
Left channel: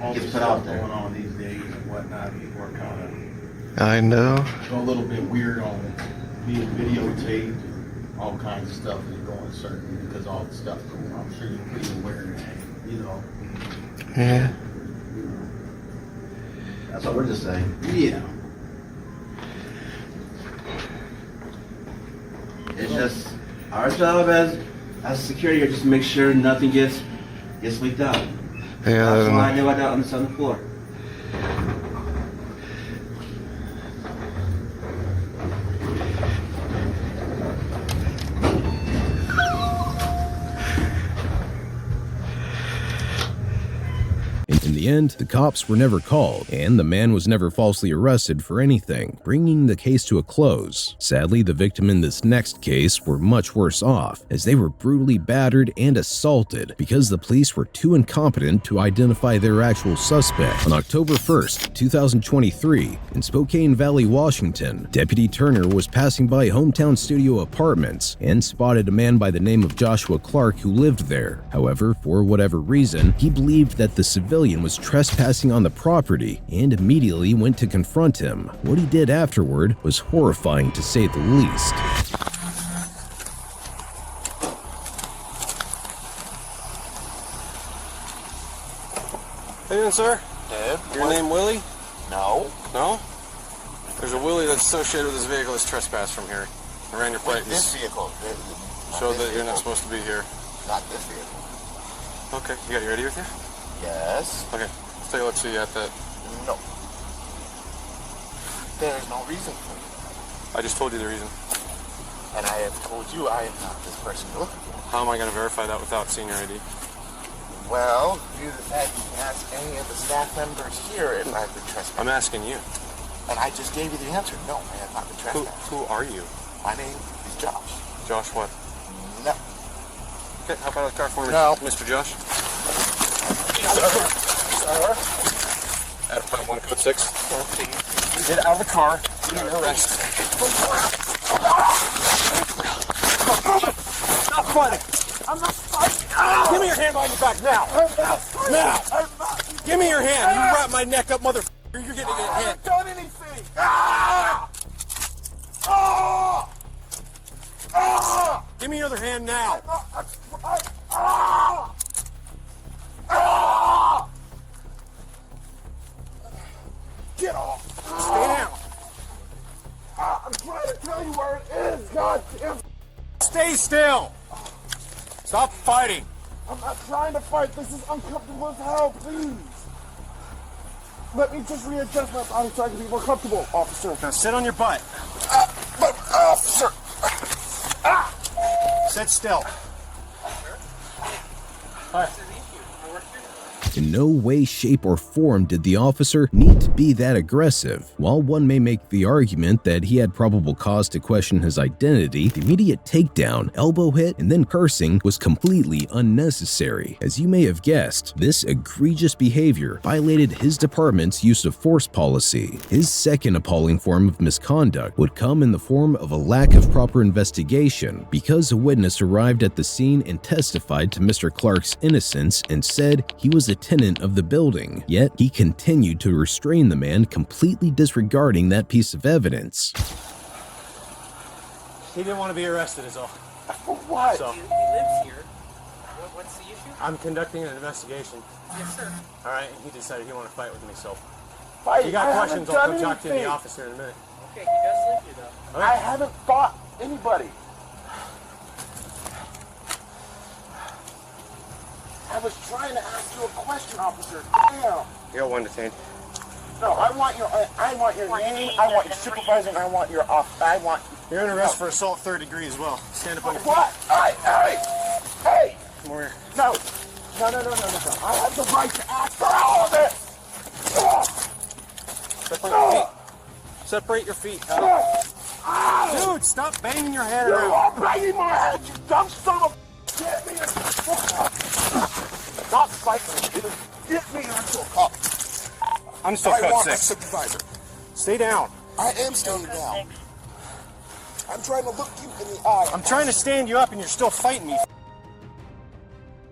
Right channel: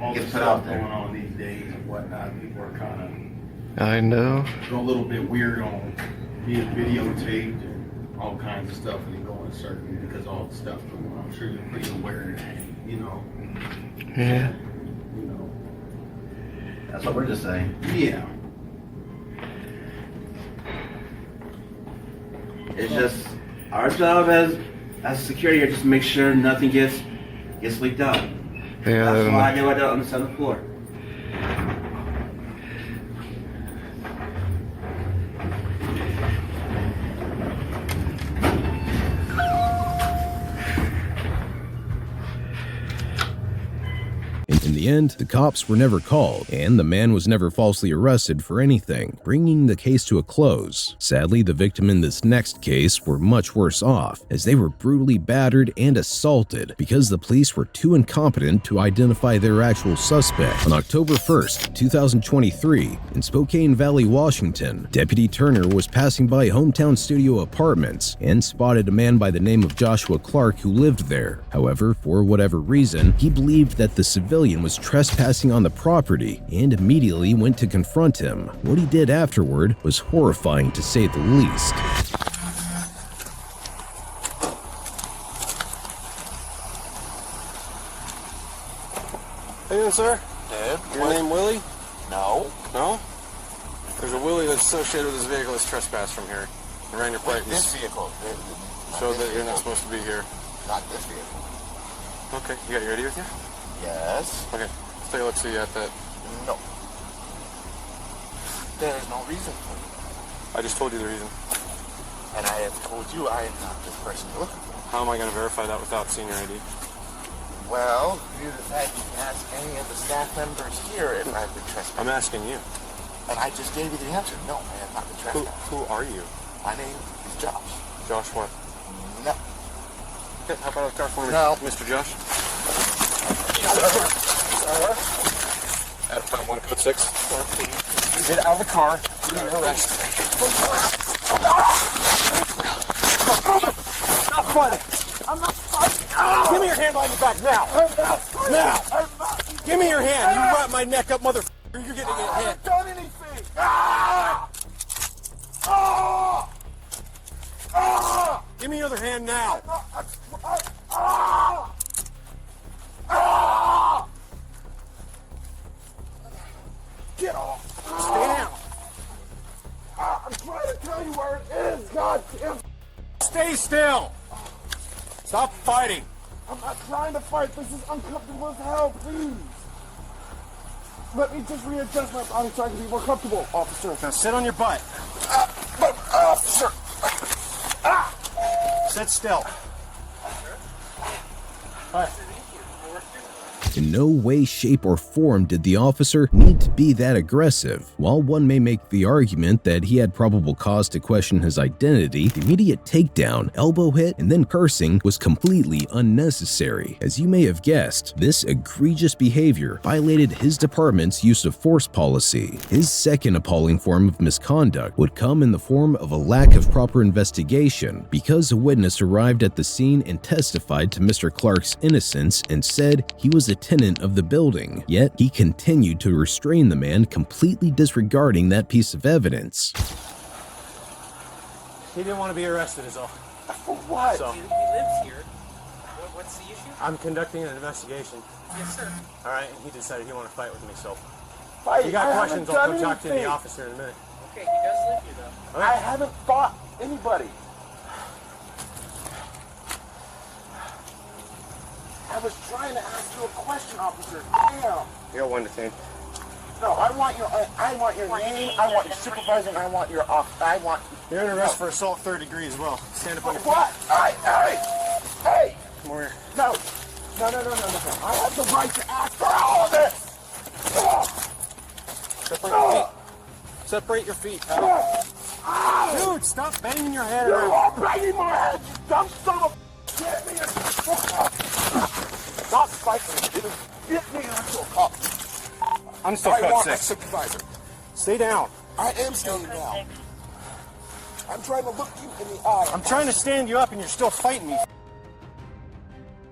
All gets the put stuff out there. going on these days and whatnot, people are kind I know. of a little bit weird on being videotaped and all kinds of stuff when you go in certain because all the stuff going on. I'm sure you're pretty aware of that, you know. Yeah. You know. That's what we're just saying. Yeah. It's just our job as security here, just to make sure nothing gets leaked out. Yeah. That's why I know I don't understand the floor. In the end, the cops were never called, and the man was never falsely arrested for anything, bringing the case to a close. Sadly, the victim in this next case were much worse off, as they were brutally battered and assaulted because the police were too incompetent to identify their actual suspect. On October 1st, 2023, in Spokane Valley, Washington, Deputy Turner was passing by Hometown Studio Apartments and spotted a man by the name of Joshua Clark who lived there. However, for whatever reason, he believed that the civilian was trespassing on the property and immediately went to confront him. What he did afterward was horrifying to say the least. How you doing, sir? Good. Your name Willie? No. No? There's a Willie that's associated with this vehicle that's trespassed from here. I ran your plate. This vehicle. Show that you're not supposed to be here. Not this vehicle. Okay, you got your ID with you? Yes. Okay, let's take a look, see you at that. No. There is no reason for it. I just told you the reason. And I have told you I am not this person you're looking for. How am I going to verify that without seeing your ID? Well, due to the fact you can ask any of the staff members here if I've been trespassing. I'm asking you. And I just gave you the answer. No, I have not been trespassing. Who are you? My name is Josh. Josh what? No. Okay, hop out of the car for me, No. Mr. Josh. Sir? At 1 code 6. Sir, please. Get out of the car. You're under arrest. Stop fighting! I'm not fighting! Give me your hand behind your back now! Now! Give me your hand! You wrap my neck up, motherfucker! You're getting a I hit! haven't done anything! Ah! Ah! Ah! Give me your other hand now! Ah! Ah! Get off! Stay down! I'm trying to tell you where it is, goddamn! Stay still! Stop fighting! I'm not trying to fight. This is uncomfortable as hell, please. Let me just readjust my body so I can be more comfortable, officer. Now sit on your butt. But, officer! Sit still. Hi. In no way, shape, or form did the officer need to be that aggressive. While one may make the argument that he had probable cause to question his identity, the immediate takedown, elbow hit, and then cursing was completely unnecessary. As you may have guessed, this egregious behavior violated his department's use of force policy. His second appalling form of misconduct would come in the form of a lack of proper investigation, because a witness arrived at the scene and testified to Mr. Clark's innocence and said he was a tenant of the building, yet he continued to restrain the man, completely disregarding that piece of evidence. He didn't want to be arrested is all. For what? So, He lives here. What's the issue? I'm conducting an investigation. Yes, sir. Alright, and he decided he wanted to fight with me, so. Fight? You got I questions, haven't I'll done come talk to the anything. officer in a minute. Okay, he does live here, though. I haven't fought anybody. I was trying to ask you a question, officer. Damn. You're 1 to 10. No, I want your name. I want your supervisor. And I want your off. I want. You're under arrest for assault 3rd degree as well. Stand up on your feet. What? Hey! Come over here. No. I have the right to ask for all of this. Separate your feet. Separate your feet, pal. Dude, stop banging your head You around. are banging my head, you dumb son of a. Get me into Stop fighting. Get me into a cop. I'm still I code want 6. a supervisor. Stay down. I am staying down. I'm trying to look you in the eye. I'm trying to stand you up and you're still fighting me.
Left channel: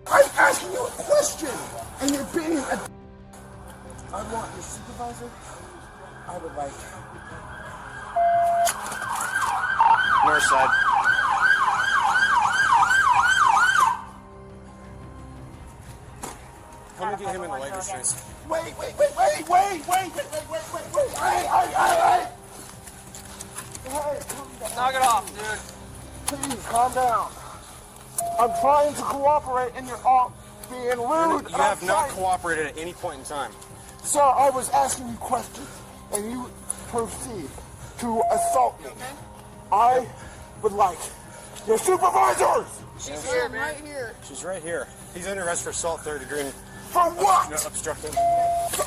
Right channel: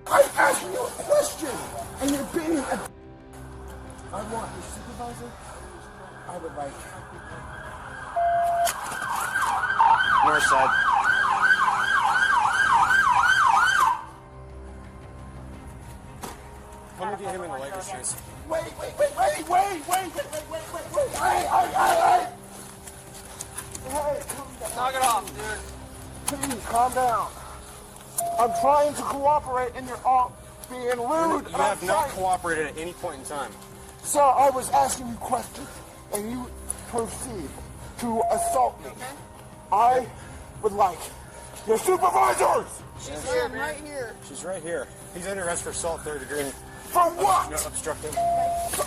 I'm asking you a question, and you're being a. I want your supervisor. I would like. North side. Come and get him in the lighter streets. Wait. Hey, calm down. Knock it off, dude. Please, calm down. I'm trying to cooperate, and you're all being rude. You have not cooperated at any point in time. Sir, I was asking you questions, and you proceed to assault me. I would like your supervisors. She's here, man. Right here. She's right here. He's under arrest for assault 3rd degree. For what? Obstructing.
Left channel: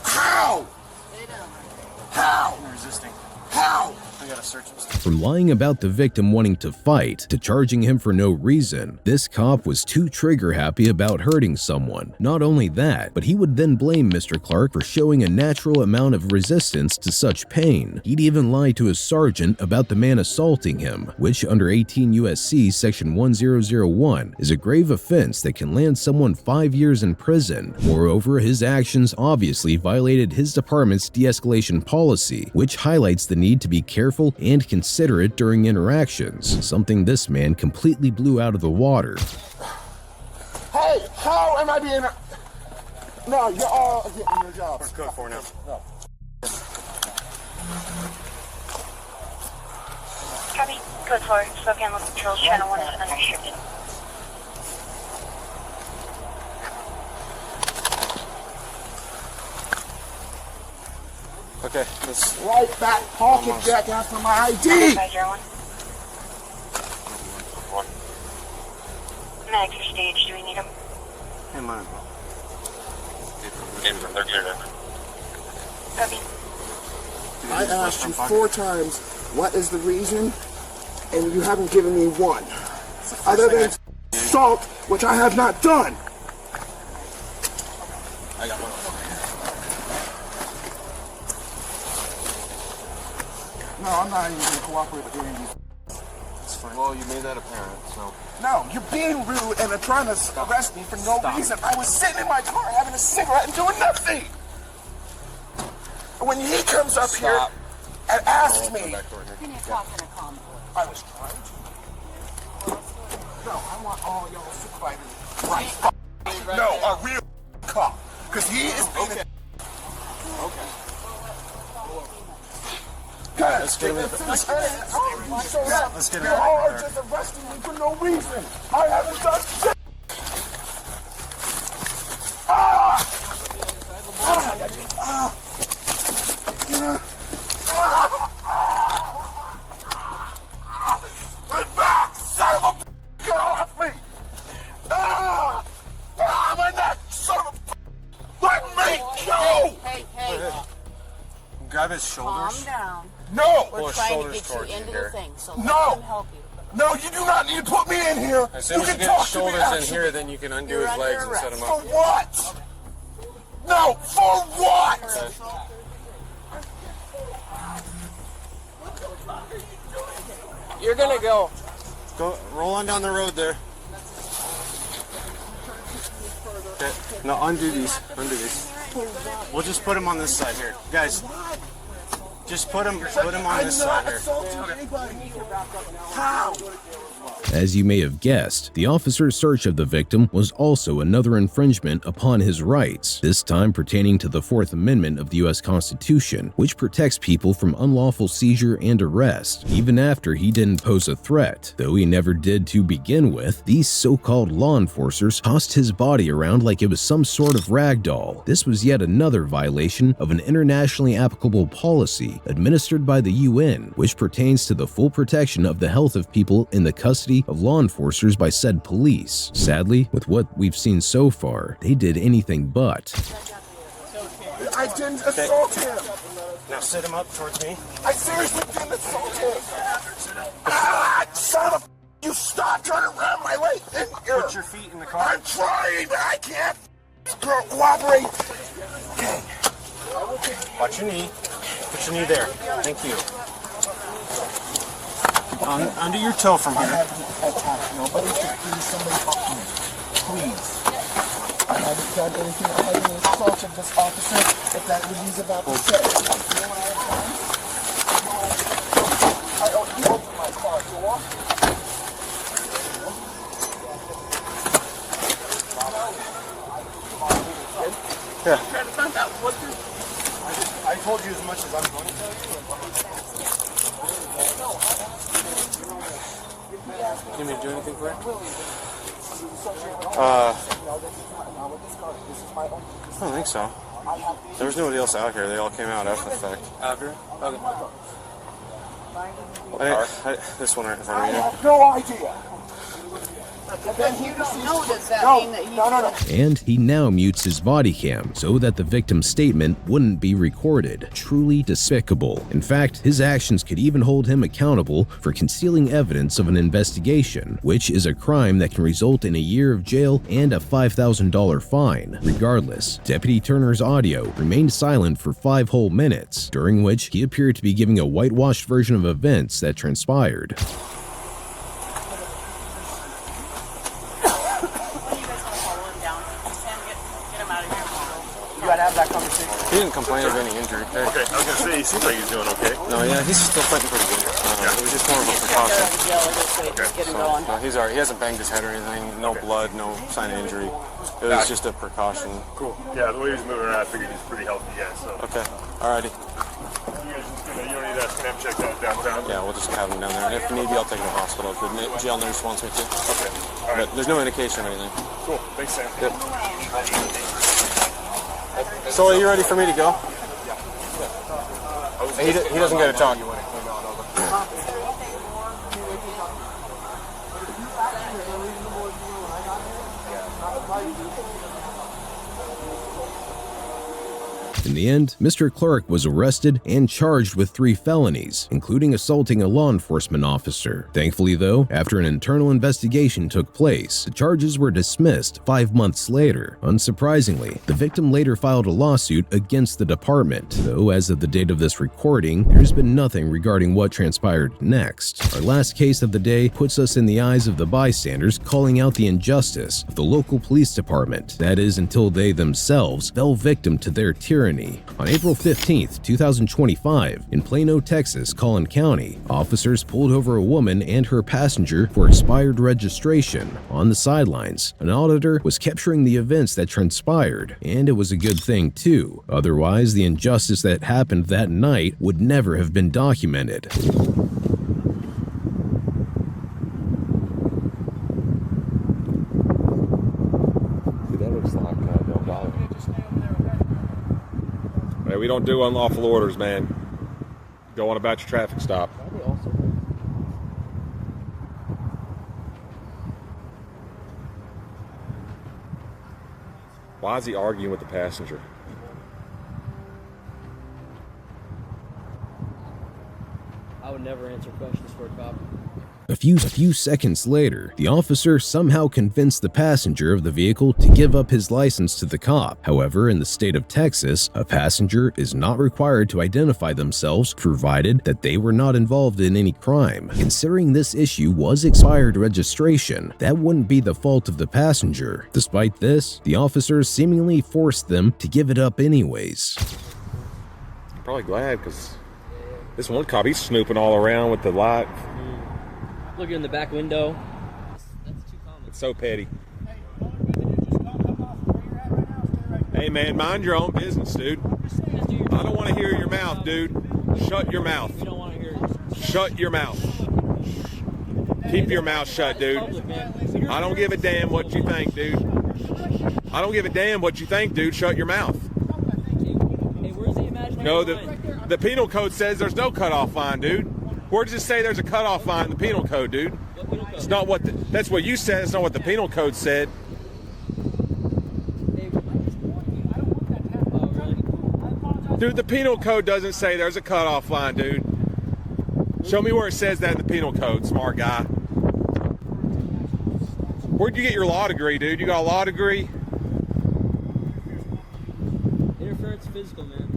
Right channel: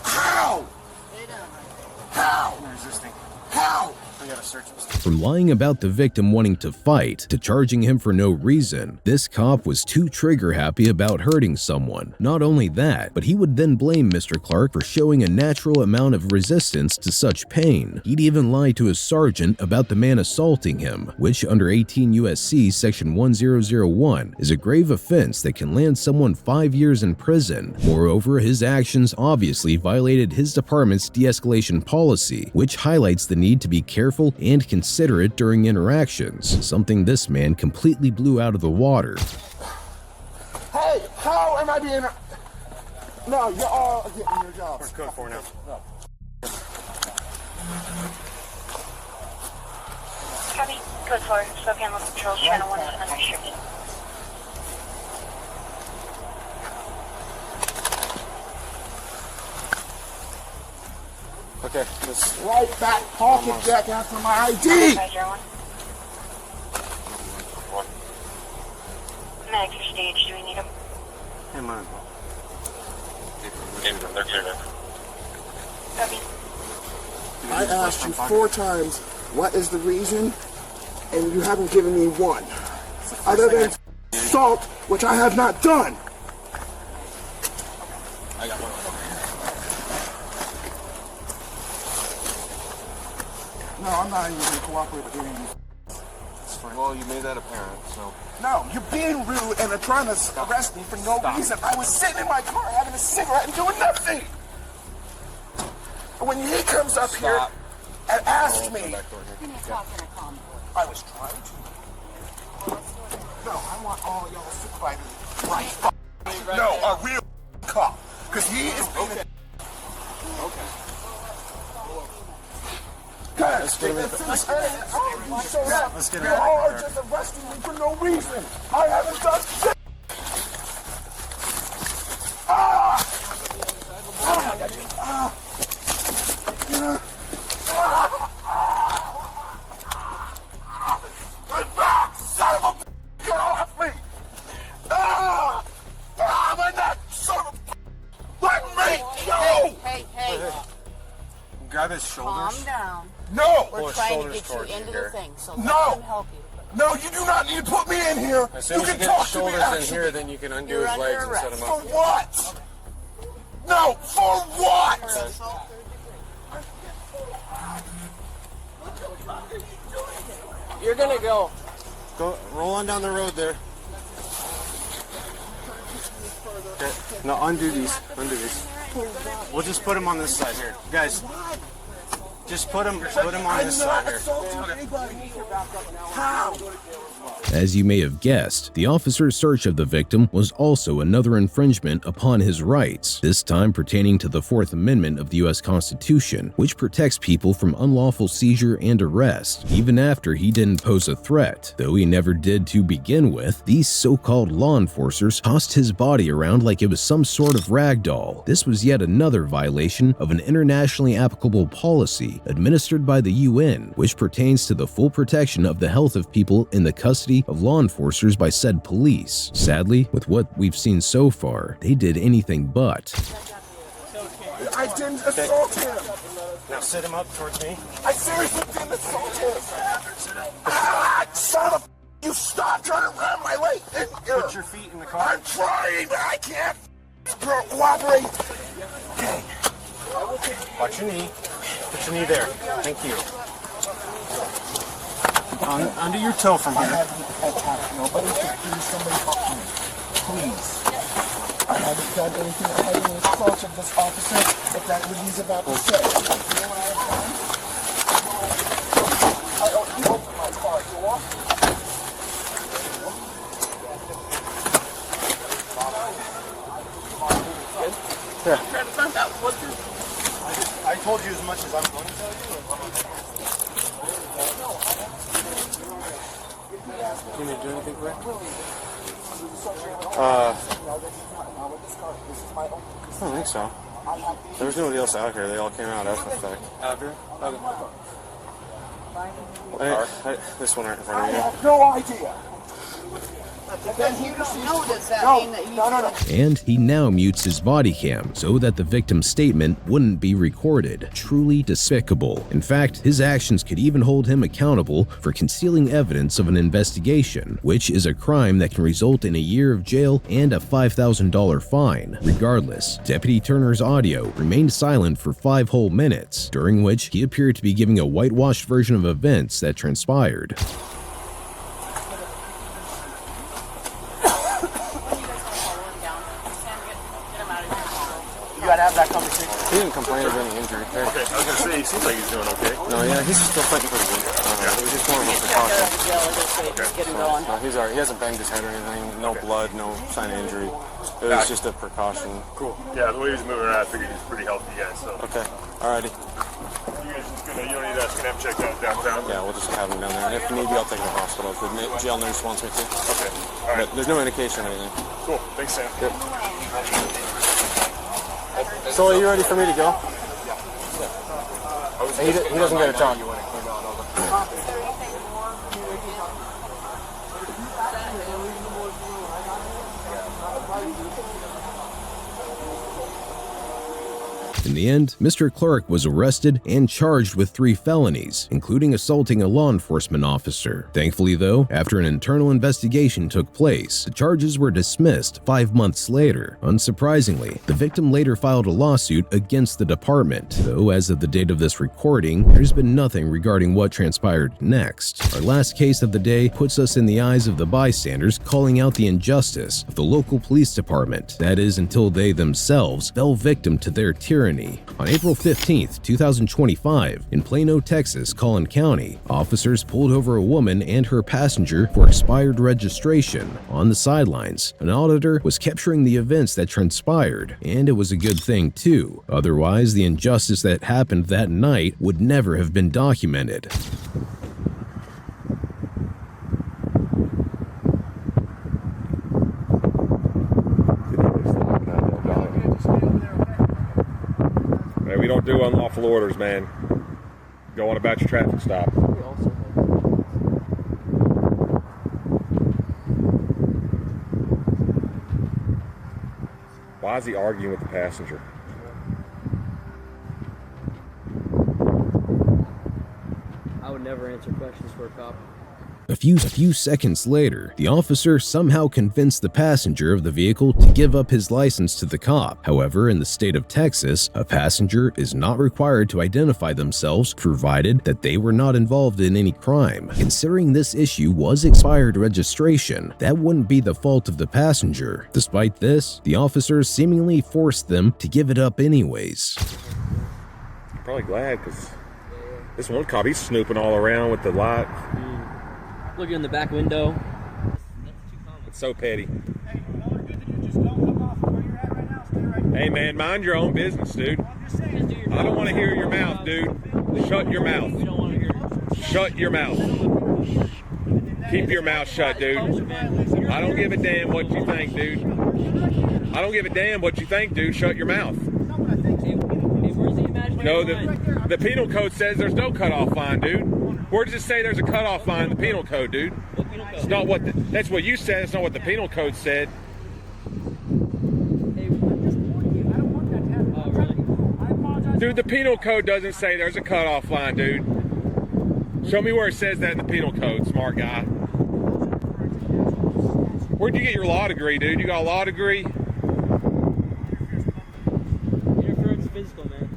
How? How? And resisting. How? I gotta search him. From lying about the victim wanting to fight to charging him for no reason, this cop was too trigger happy about hurting someone. Not only that, but he would then blame Mr. Clark for showing a natural amount of resistance to such pain. He'd even lie to his sergeant about the man assaulting him, which under 18 U.S.C. section 1001 is a grave offense that can land someone 5 years in prison. Moreover, his actions obviously violated his department's de-escalation policy, which highlights the need to be careful and considerate during interactions, something this man completely blew out of the water. Hey, how am I being... No, you're all getting your jobs. Where's code 4 now? No. Copy. Code 4. Spokane Local Patrol, Channel 1 is unrestricted. Okay, let's... Right back pocket jack after my ID. 501. Max or stage, do we need him? Hey, man. Copy. I asked you 4 times, what is the reason? And you haven't given me one. Other than assault, which I have not done. I got one. No, I'm not even going to cooperate with any of these. Well, you made that apparent, so. No, you're being rude and are trying to arrest me for no reason. I was sitting in my car having a cigarette and doing nothing. And when he comes up here and asks me, I was trying to. No, I want all y'all supervisors right. No, a real cop. Because he is being Okay. Let's get him in. You all are just arresting me for no reason. I haven't done shit. Son of a get off me! My neck, son of a his shoulders? Calm down. No! We're trying to get you into the thing, so let No! them help you. No, you do not need to put me in here. As soon you as you can get talk his to me shoulders in actually. here, then you can undo You're his legs under and set him For up. what? No, for what? You're gonna go. Go, roll on down the road there. Okay. No, undo these. Undo these. We'll just put him on this side here, guys. Just put him on this side here. How? As you may have guessed, the officer's search of the victim was also another infringement upon his rights, this time pertaining to the Fourth Amendment of the U.S. Constitution, which protects people from unlawful seizure and arrest. Even after he didn't pose a threat, though he never did to begin with, these so-called law enforcers tossed his body around like it was some sort of rag doll. This was yet another violation of an internationally applicable policy administered by the UN, which pertains to the full protection of the health of people in the custody of law enforcers by said police. Sadly, with what we've seen so far, they did anything but. I didn't assault him. Now sit him up towards me. I seriously didn't assault him. Ah, son of a... You stop trying to ram my leg in here. Put your feet in the car. I'm trying, but I can't cooperate. Okay. Watch your knee. Put your knee there. Thank you. Under your toe from here. Nobody should please somebody talk to me. Please. I haven't done anything. I haven't assaulted this officer if that's what he's about to say. You know what I have done? You open my car. You walk. Yeah. I told you as much as I'm going to tell you. You need me to do anything for it? I don't think so. There was nobody else out here. They all came out after the fact. After? Okay. This one right in front of I you. have no idea. If you don't know, does that mean that you... And he now mutes his body cam so that the victim's statement wouldn't be recorded. Truly despicable. In fact, his actions could even hold him accountable for concealing evidence of an investigation, which is a crime that can result in a year of jail and a $5,000 fine. Regardless, Deputy Turner's audio remained silent for 5 whole minutes, during which he appeared to be giving a whitewashed version of events that transpired. You gotta have that conversation. He didn't complain of any injury. Hey. Okay, I was gonna say, he seems like he's doing okay. No, yeah, he's still fighting pretty good. It was just more of a precaution. He's alright. He hasn't banged his head or anything. No blood, no sign of injury. It was just a precaution. Cool. Yeah, the way he's moving around, I figured he's pretty healthy, yeah, so. Okay, alrighty. You guys just gonna, you don't need to ask him check out downtown? Yeah, we'll just have him down there. And if need be, I'll take him to the hospital if the jail nurse wants me to. Okay, alright. But there's no indication of anything. Cool, thanks, Sam. Yep. So are you ready for me to go? He doesn't get a talk. In the end, Mr. Clark was arrested and charged with 3 felonies, including assaulting a law enforcement officer. Thankfully, though, after an internal investigation took place, the charges were dismissed 5 months later. Unsurprisingly, the victim later filed a lawsuit against the department, though as of the date of this recording, there's been nothing regarding what transpired next. Our last case of the day puts us in the eyes of the bystanders calling out the injustice of the local police department, that is, until they themselves fell victim to their tyranny. On April 15, 2025, in Plano, Texas, Collin County, officers pulled over a woman and her passenger for expired registration. On the sidelines, an auditor was capturing the events that transpired, and it was a good thing too. Otherwise, the injustice that happened that night would never have been documented. We don't do unlawful orders, man. Go on about your traffic stop. Why is he arguing with the passenger? minutes are precious for a cop. A few seconds later, the officer somehow convinced the passenger of the vehicle to give up his license to the cop. However, in the state of Texas, a passenger is not required to identify themselves provided that they were not involved in any crime. Considering this issue was expired registration, that wouldn't be the fault of the passenger. Despite this, the officers seemingly forced them to give it up anyways. I'm probably glad, because this one cop, he's snooping all around with the light. Looking in the back window. It's so petty. Hey man, mind your own business, dude. I don't want to hear your mouth, dude. Shut your mouth. Shut your mouth. Keep your mouth shut, dude. I don't give a damn what you think, dude. I don't give a damn what you think, dude. Shut your mouth. No, the penal code says there's no cutoff line, dude. Where does it say there's a cutoff line in the penal code, dude? It's not what that's what you said. It's not what the penal code said. Dude, the penal code doesn't say there's a cutoff line, dude. Show me where it says that in the penal code, smart guy. Where'd you get your law degree, dude? You got a law degree? Interference physical, man.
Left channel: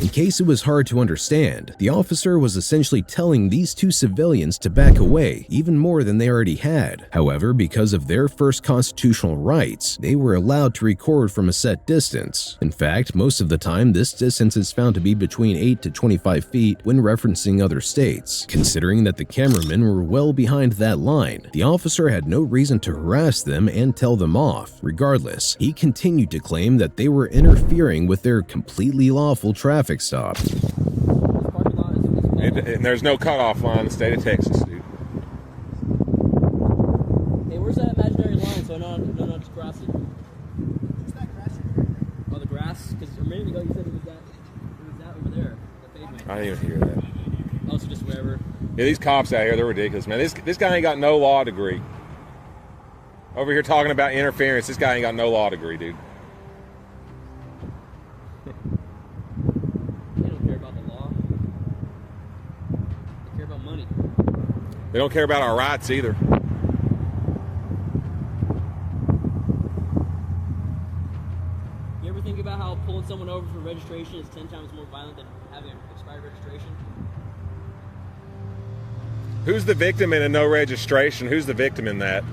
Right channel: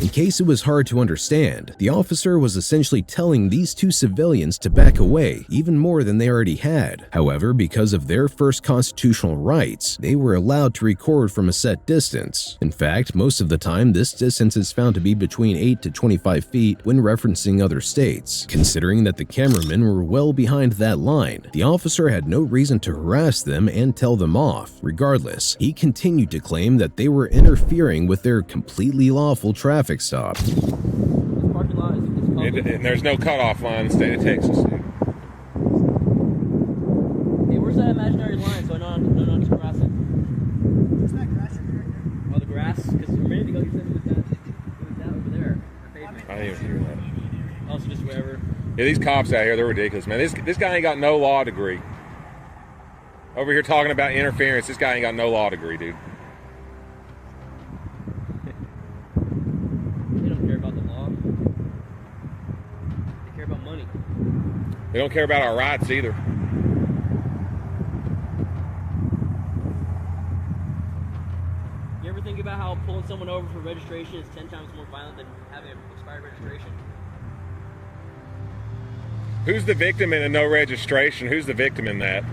In case it was hard to understand, the officer was essentially telling these two civilians to back away even more than they already had. However, because of their first constitutional rights, they were allowed to record from a set distance. In fact, most of the time, this distance is found to be between 8 to 25 feet when referencing other states. Considering that the cameramen were well behind that line, the officer had no reason to harass them and tell them off. Regardless, he continued to claim that they were interfering with their completely lawful traffic stop. And there's no cutoff line in the state of Texas, dude. Hey, where's that imaginary line so I know I'm just crossing? Where's that grass right here? Oh, the grass? Because a minute ago you said it was that over there. The pavement. I didn't even hear that. Also just wherever. Yeah, these cops out here, they're ridiculous, man. This guy ain't got no law degree. Over here talking about interference, this guy ain't got no law degree, dude. They don't care about our rights either. You ever think about how pulling someone over for registration is 10 times more violent than having an expired registration? Who's the victim in a no registration? Who's the victim in that?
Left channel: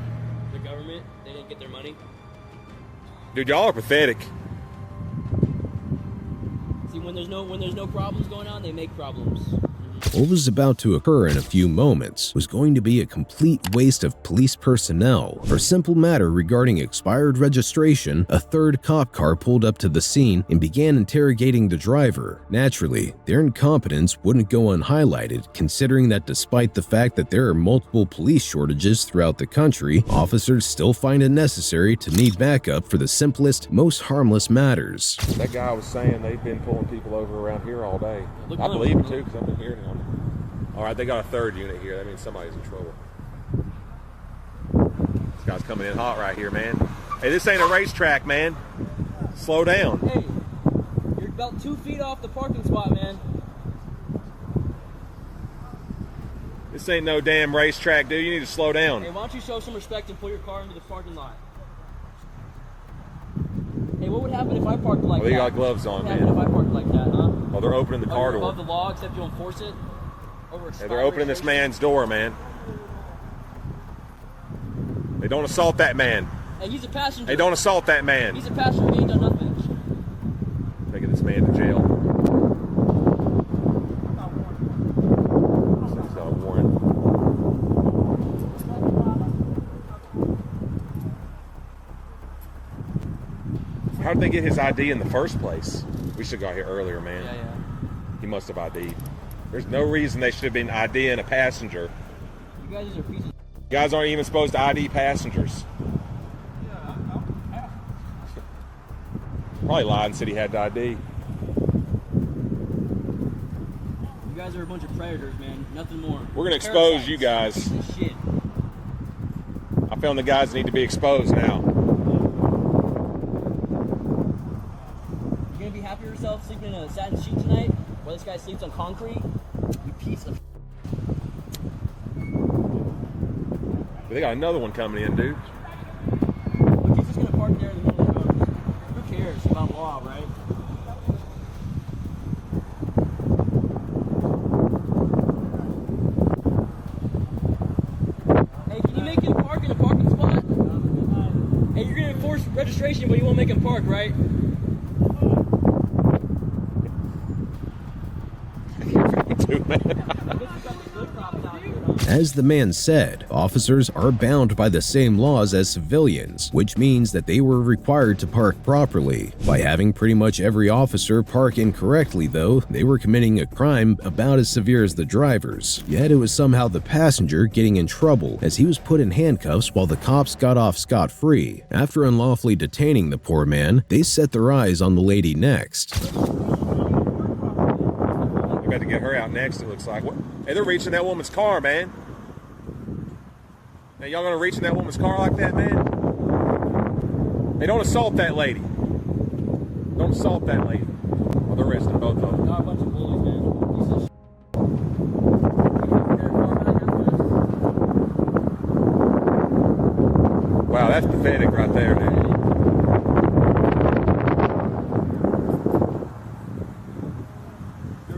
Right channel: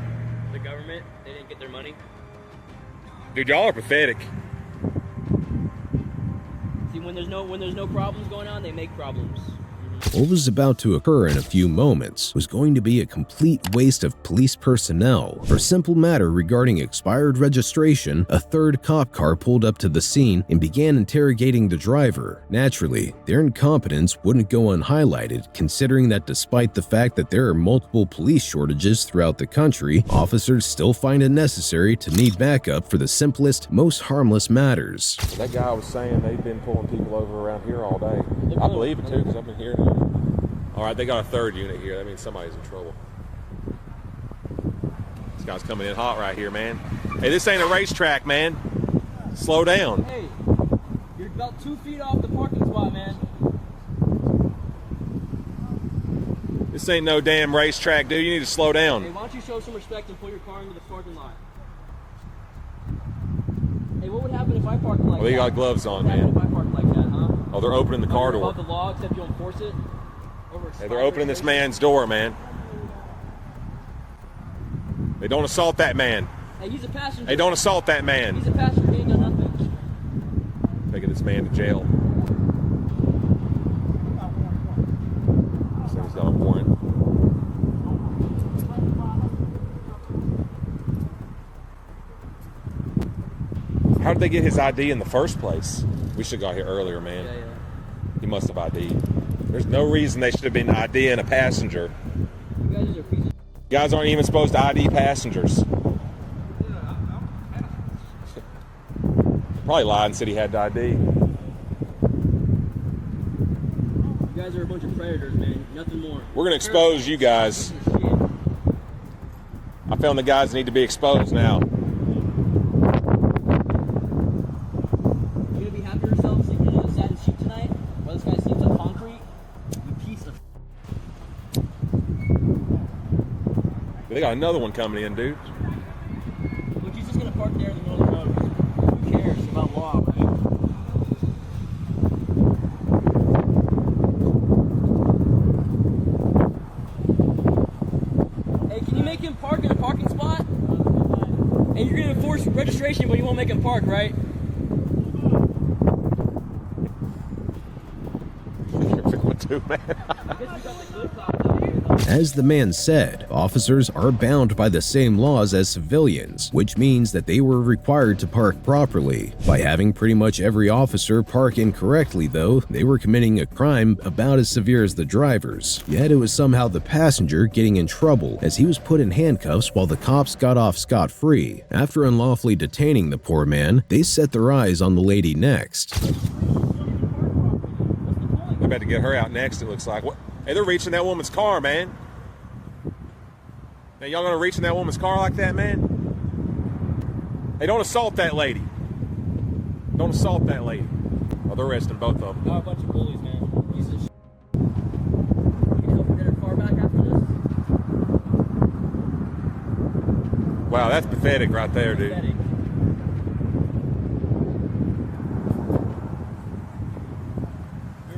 The government. They didn't get their money. Dude, y'all are pathetic. See, when there's no problems going on, they make problems. What was about to occur in a few moments was going to be a complete waste of police personnel. For a simple matter regarding expired registration, a third cop car pulled up to the scene and began interrogating the driver. Naturally, their incompetence wouldn't go unhighlighted, considering that despite the fact that there are multiple police shortages throughout the country, officers still find it necessary to need backup for the simplest, most harmless matters. That guy was saying they've been pulling people over around here all day. I believe it too, because I've been hearing it. All right, they got a third unit here. That means somebody's in trouble. This guy's coming in hot right here, man. Hey, this ain't a racetrack, man. Slow down. Hey, you're about 2 feet off the parking spot, man. This ain't no damn racetrack, dude. You need to slow down. Hey, why don't you show some respect and pull your car into the parking lot? Hey, what would happen if I parked like that? Well, you got gloves on, man. What would happen if I parked like that, huh? Oh, they're opening the car door. The law, except you enforce it. Hey, they're opening this man's door, man. They don't assault that man. Hey, he's a passenger. Hey, don't assault that man. He's a passenger. He ain't done nothing. Taking this man to jail. So he's got a warrant. How did they get his ID in the first place? We should have got here earlier, man. Yeah. He must have ID'd. There's no reason they should have been IDing a passenger. You guys are pieces. You guys aren't even supposed to ID passengers. Probably lied and said he had the ID. You guys are a bunch of predators, man. Nothing more. We're going to expose you guys. Shit. I found the guys that need to be exposed now. You gonna be happy with yourself sleeping in a satin sheet tonight? While this guy sleeps on concrete? They got another one coming in, dude. Look, he's just gonna park there in the middle of the road. Who cares about law, right? Hey, can you make him park in a parking spot? Hey, you're gonna enforce registration, but you won't make him park, right? Dude, man. As the man said, officers are bound by the same laws as civilians, which means that they were required to park properly. By having pretty much every officer park incorrectly, though, they were committing a crime about as severe as the drivers. Yet it was somehow the passenger getting in trouble, as he was put in handcuffs while the cops got off scot-free. After unlawfully detaining the poor man, they set their eyes on the lady next. They're about to get her out next, it looks like. What? Hey, they're reaching that woman's car, man. Now, y'all gonna reach in that woman's car like that, man? Hey, don't assault that lady. Don't assault that lady. Oh, they're arresting both of them. Got a bunch of bullies, man. Wow, that's pathetic right there, dude. They're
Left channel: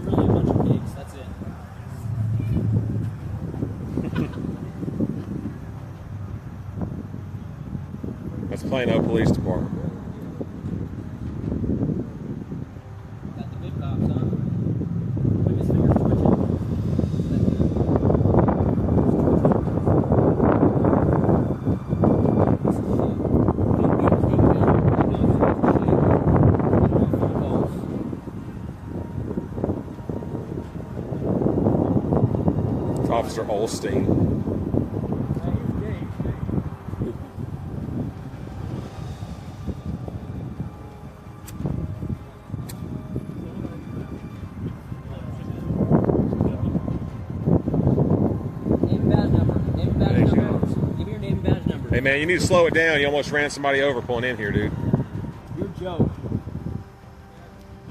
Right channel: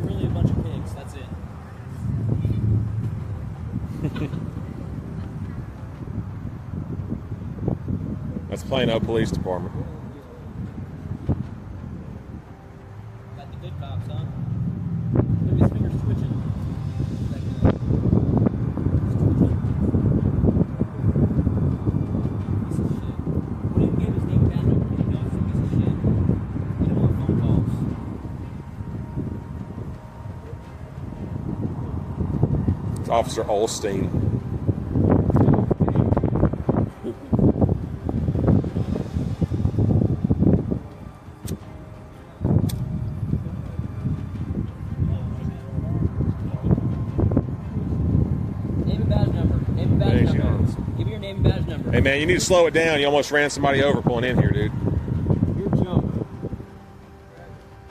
really a bunch of pigs, that's it. That's Plano Police Department. Got the big cops, huh? It's Officer Olstein. Hey man, you need to slow it down. You almost ran somebody over pulling in here, dude. You're a joke.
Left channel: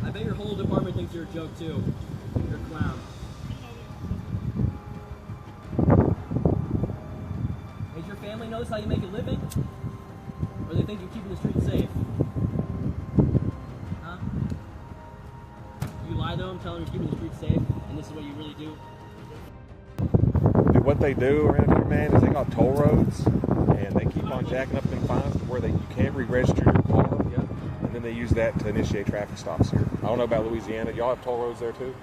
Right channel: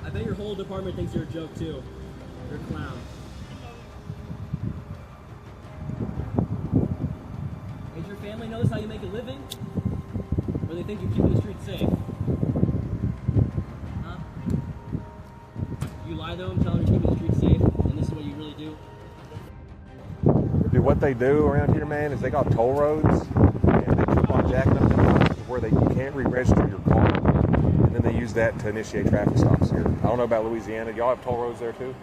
I bet your whole department thinks you're a joke too. You're a clown. Does your family knows how you make a living? Or they think you're keeping the streets safe? Huh? You lie to them, tell them you're keeping the streets safe, and this is what you really do? Dude, what they do around here, man, is they got toll roads, and they keep on jacking up them lines to where you can't re-register your car, and then they use that to initiate traffic stops here. I don't know about Louisiana. Y'all have toll roads there too?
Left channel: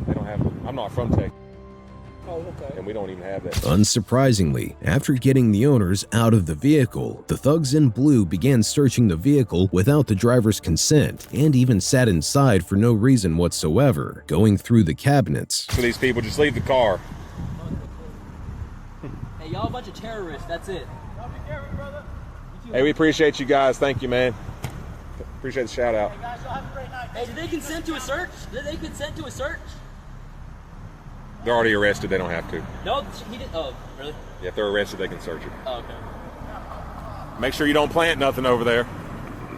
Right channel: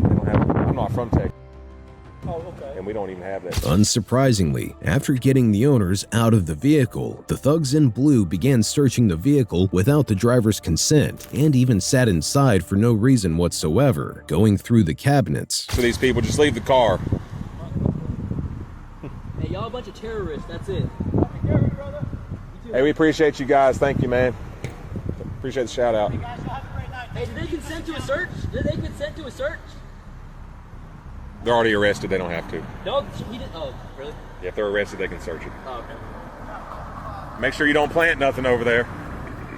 They don't have. I'm not from Texas. Oh, okay. And we don't even have that. Unsurprisingly, after getting the owners out of the vehicle, the thugs in blue began searching the vehicle without the driver's consent and even sat inside for no reason whatsoever, going through the cabinets. For these people, just leave the car. Hey, y'all a bunch of terrorists, that's it. Hey, we appreciate you guys. Thank you, man. Appreciate the shout out. Hey, did they consent to a search? Did they consent to a search? They're already arrested. They don't have to. No, he didn't. Oh, really? Yeah, if they're arrested, they can search it. Oh, okay. Make sure you don't plant nothing over there.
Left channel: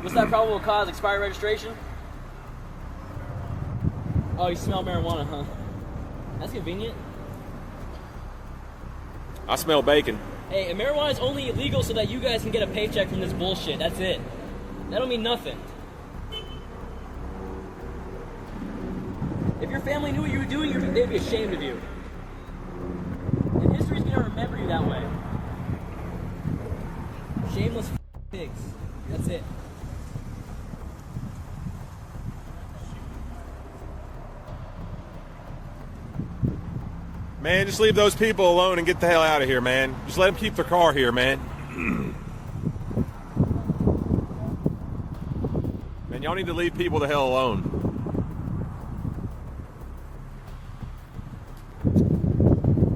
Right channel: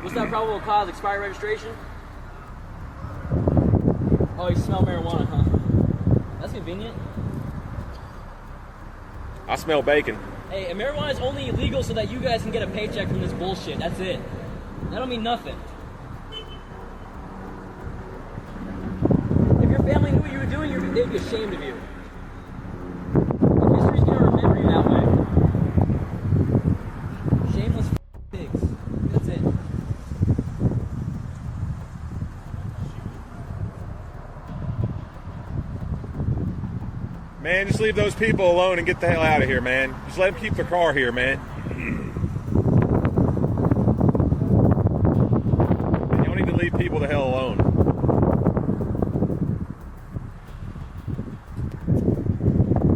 What's that probable cause? Expired registration? Oh, you smell marijuana, huh? That's convenient. I smell bacon. Hey, and marijuana is only illegal so that you guys can get a paycheck from this bullshit. That's it. That don't mean nothing. If your family knew what you were doing, they'd be ashamed of you. And history's gonna remember you that way. Shameless pigs. That's it. Man, just leave those people alone and get the hell out of here, man. Just let them keep their car here, man. And y'all need to leave people the hell alone.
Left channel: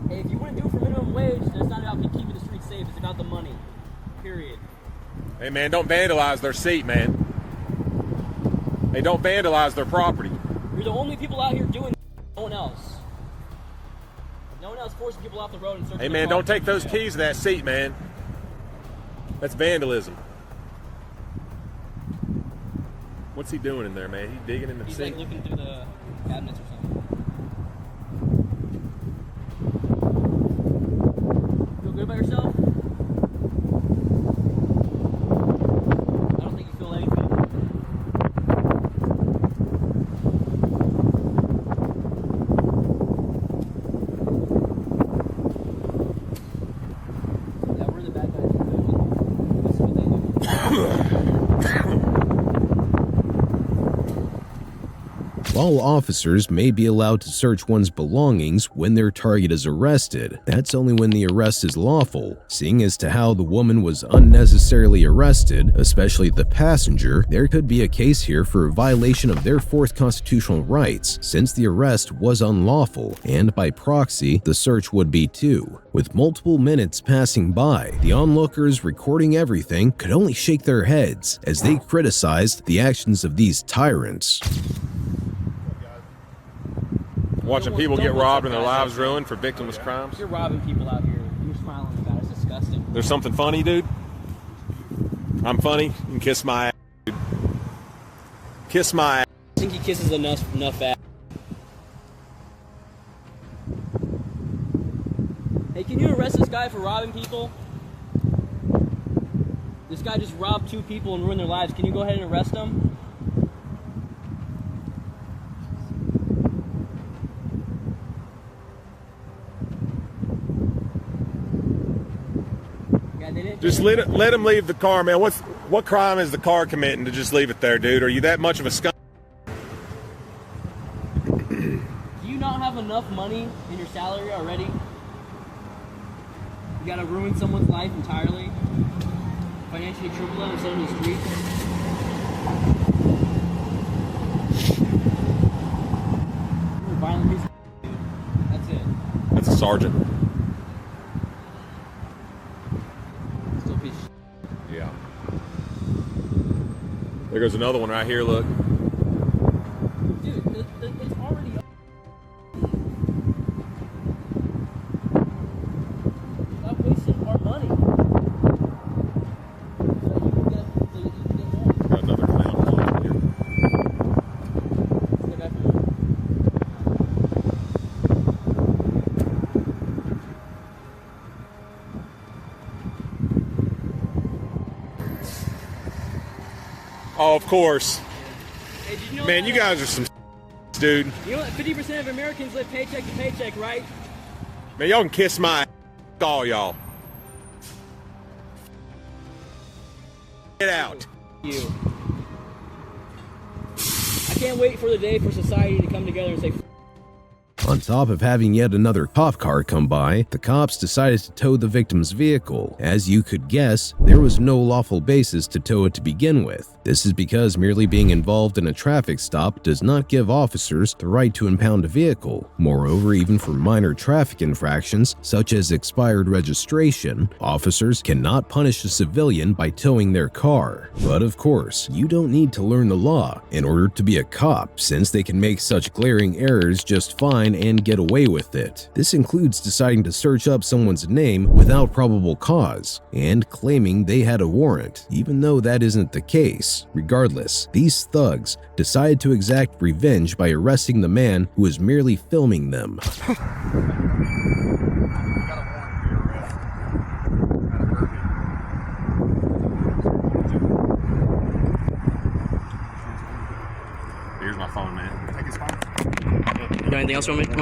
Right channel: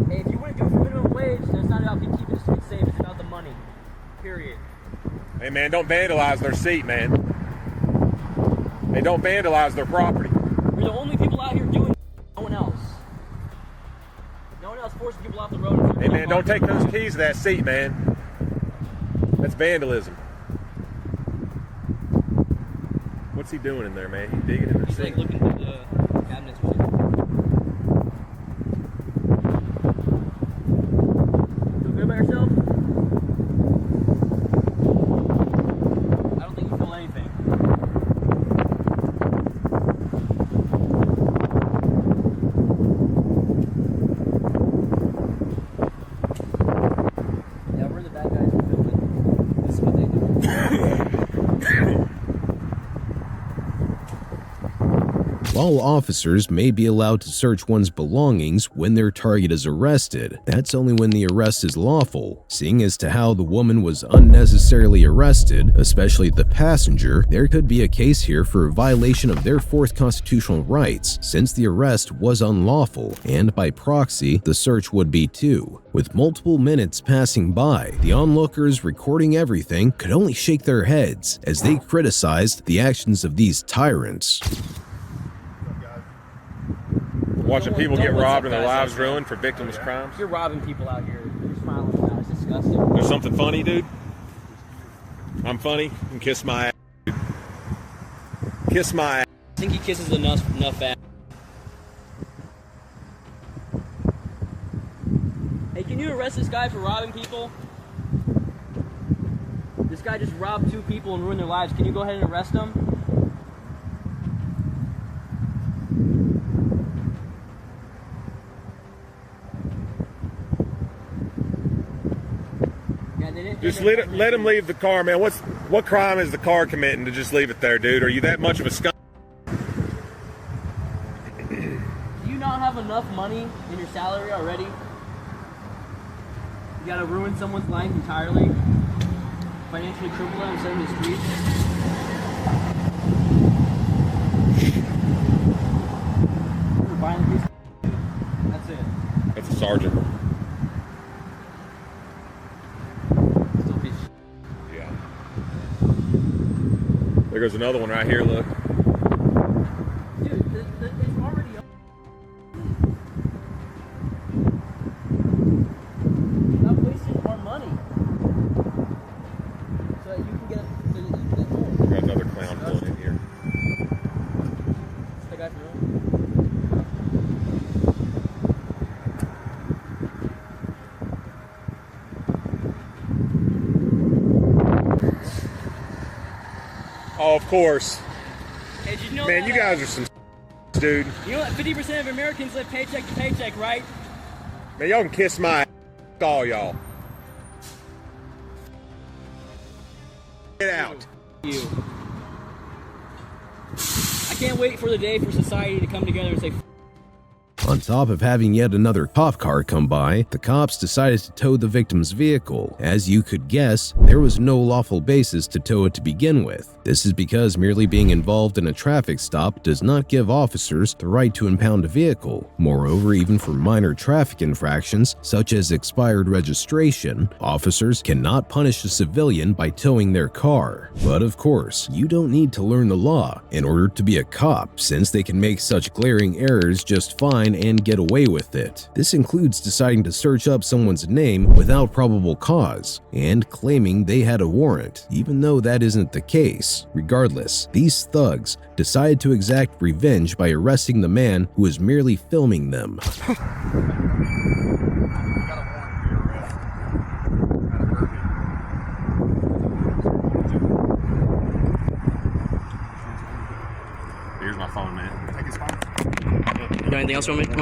Hey, if you wouldn't do it for minimum wage, that's not about keeping the streets safe. It's about the money. Period. Hey, man, don't vandalize their seat, man. Hey, don't vandalize their property. We're the only people out here doing it. No one else. No one else forcing people off the road. Hey, man, don't take those keys to that seat, man. That's vandalism. What's he doing in there, man? He's digging in the seat. Like looking through the cabinets or something. Feel good about yourself? While officers may be allowed to search one's belongings when their target is arrested, that's only when the arrest is lawful. Seeing as to how the woman was unnecessarily arrested, especially the passenger, there could be a case here for a violation of their fourth constitutional rights, since the arrest was unlawful, and by proxy, the search would be too. With multiple minutes passing by, the onlookers recording everything could only shake their heads as they criticized the actions of these tyrants. Watching people get robbed and their lives ruined for victimless crimes. You're robbing people out here. You're smiling about it. It's disgusting. There's something funny, dude. I'm funny. You can kiss my ass, dude. Kiss my ass. I think he kisses enough ass. Hey, can you arrest this guy for robbing people? This guy just robbed 2 people and ruined their lives. Can you go ahead and arrest him? Just let him leave the car, man. What crime is the car committing to just leave it there, dude? Are you that much of a scum? Do you not have enough money in your salary already? You gotta ruin someone's life entirely? Financially cripple them and send them to the street? You're a violent piece of That's it. That's a sergeant. Still a piece of Yeah. There goes another one right here, look. Dude, it's already up. Stop wasting our money. So that you can get Got another clown in here. the guy from Oh, of course. Hey, did you know Man, that, you guys are some dude. You know what? 50% of Americans live paycheck to paycheck, right? Man, y'all can kiss my ass, all y'all. Get out. You. I can't wait for the day for society to come together and say, On top of having yet another cop car come by, the cops decided to tow the victim's vehicle. As you could guess, there was no lawful basis to tow it to begin with. This is because merely being involved in a traffic stop does not give officers the right to impound a vehicle. Moreover, even for minor traffic infractions, such as expired registration, officers cannot punish a civilian by towing their car. But of course, you don't need to learn the law in order to be a cop, since they can make such glaring errors just fine and get away with it. This includes deciding to search up someone's name without probable cause and claiming they had a warrant, even though that isn't the case. Regardless, these thugs decided to exact revenge by arresting the man who was merely filming them. Here's my phone, man. Take his phone. you got anything else you want me to?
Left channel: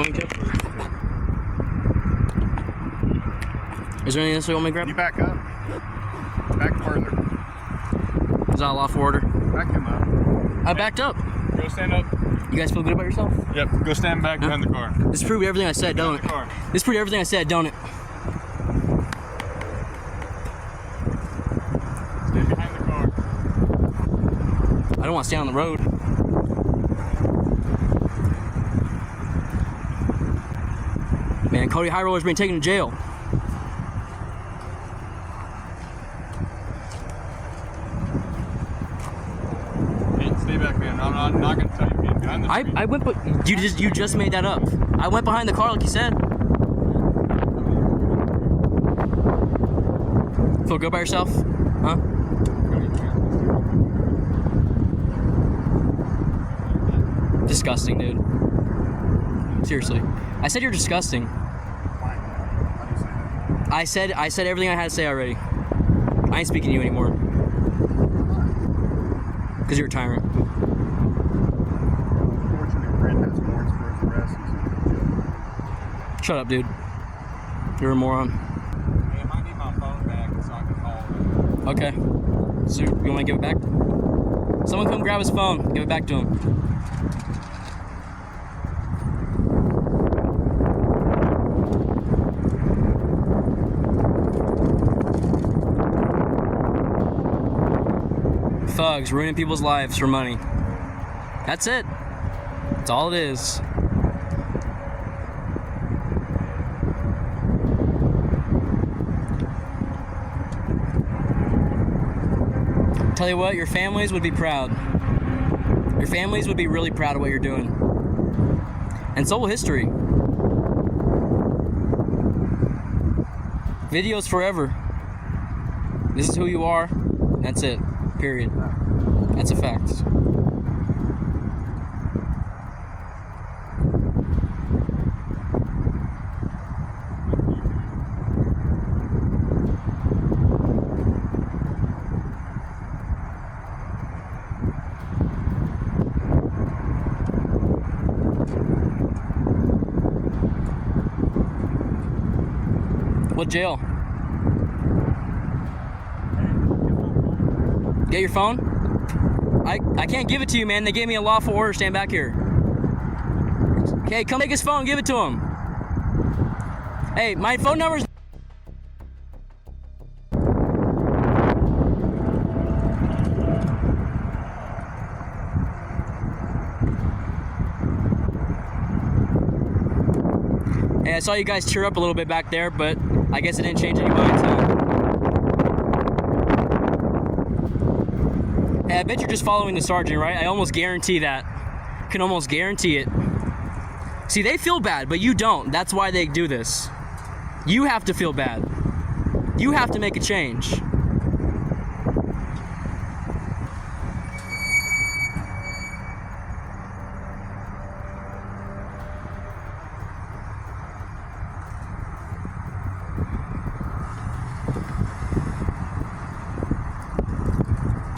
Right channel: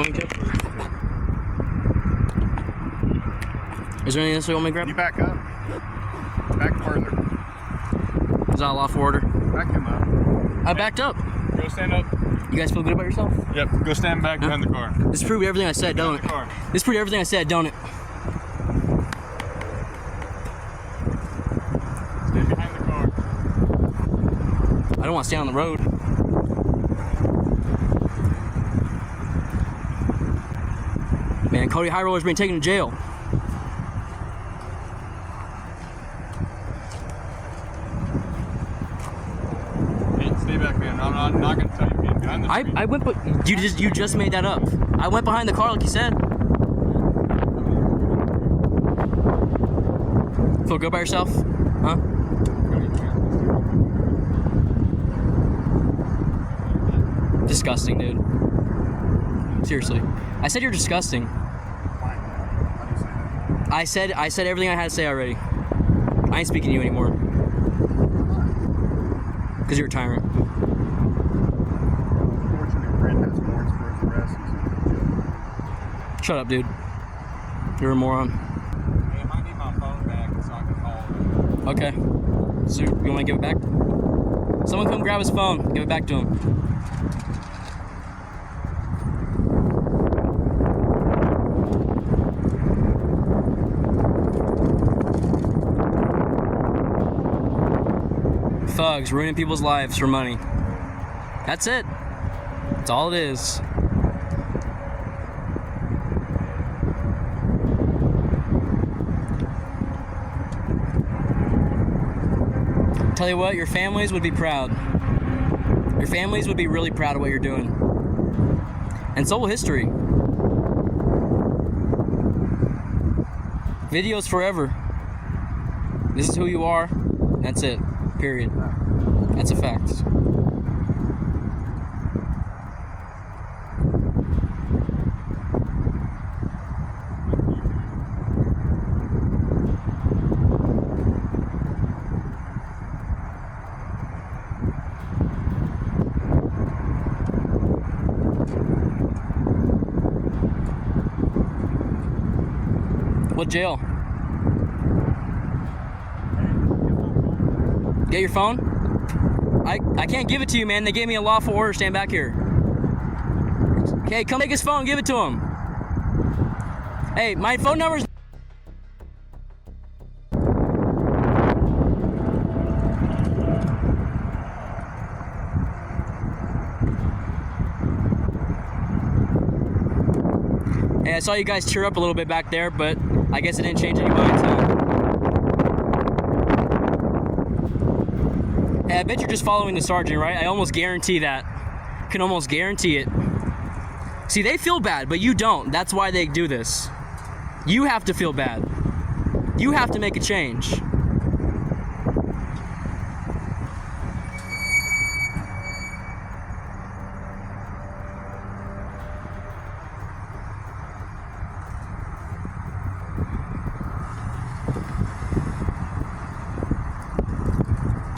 Is there anything else you want me to grab? You back up. Back further. Is that a lawful order? Back him up. I backed up. Go stand up. You guys feel good about yourself? Yep. Go stand back behind the car. This proved everything I said, don't it? This proved everything I said, don't it? Stand behind the car. I don't want to stay on the road. Man, Cody High Roller's being taken to jail. Stay back, man. I'm not going to tell you being behind the street. I went, but you just made that up. I went behind the car like you said. Feel good about yourself? Huh? Disgusting, dude. Seriously. I said you're disgusting. I said everything I had to say already. I ain't speaking to you anymore. Because you're a tyrant. Shut up, dude. You're a moron. Hey, I might need my phone back so I can call. Okay. So you want to give it back? Someone come grab his phone. Give it back to him. drugs, ruining people's lives for money. That's it. That's all it is. Tell you what, your families would be proud. Your families would be really proud of what you're doing. And so will history. Videos forever. This is who you are. That's it. Period. That's a fact. What jail? Get your phone? I can't give it to you, man. They gave me a lawful order. Stand back here. Okay, come take his phone. Give it to him. Hey, my phone number's... Hey, I saw you guys cheer up a little bit back there, but I guess it didn't change any minds, huh? Hey, I bet you're just following the sergeant, right? I almost guarantee that. Can almost guarantee it. See, they feel bad, but you don't. That's why they do this. You have to feel bad. You have to make a change.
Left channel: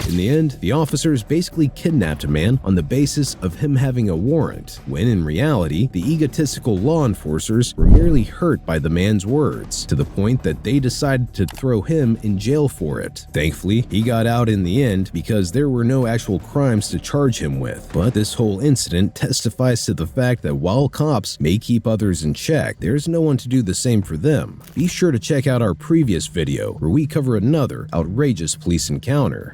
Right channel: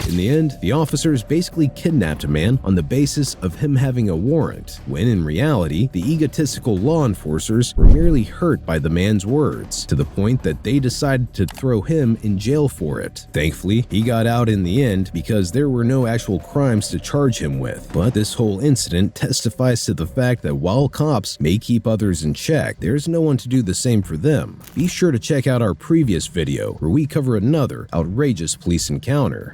In the end, the officers basically kidnapped a man on the basis of him having a warrant, when in reality, the egotistical law enforcers were merely hurt by the man's words, to the point that they decided to throw him in jail for it. Thankfully, he got out in the end because there were no actual crimes to charge him with, but this whole incident testifies to the fact that while cops may keep others in check, there's no one to do the same for them. Be sure to check out our previous video, where we cover another outrageous police encounter.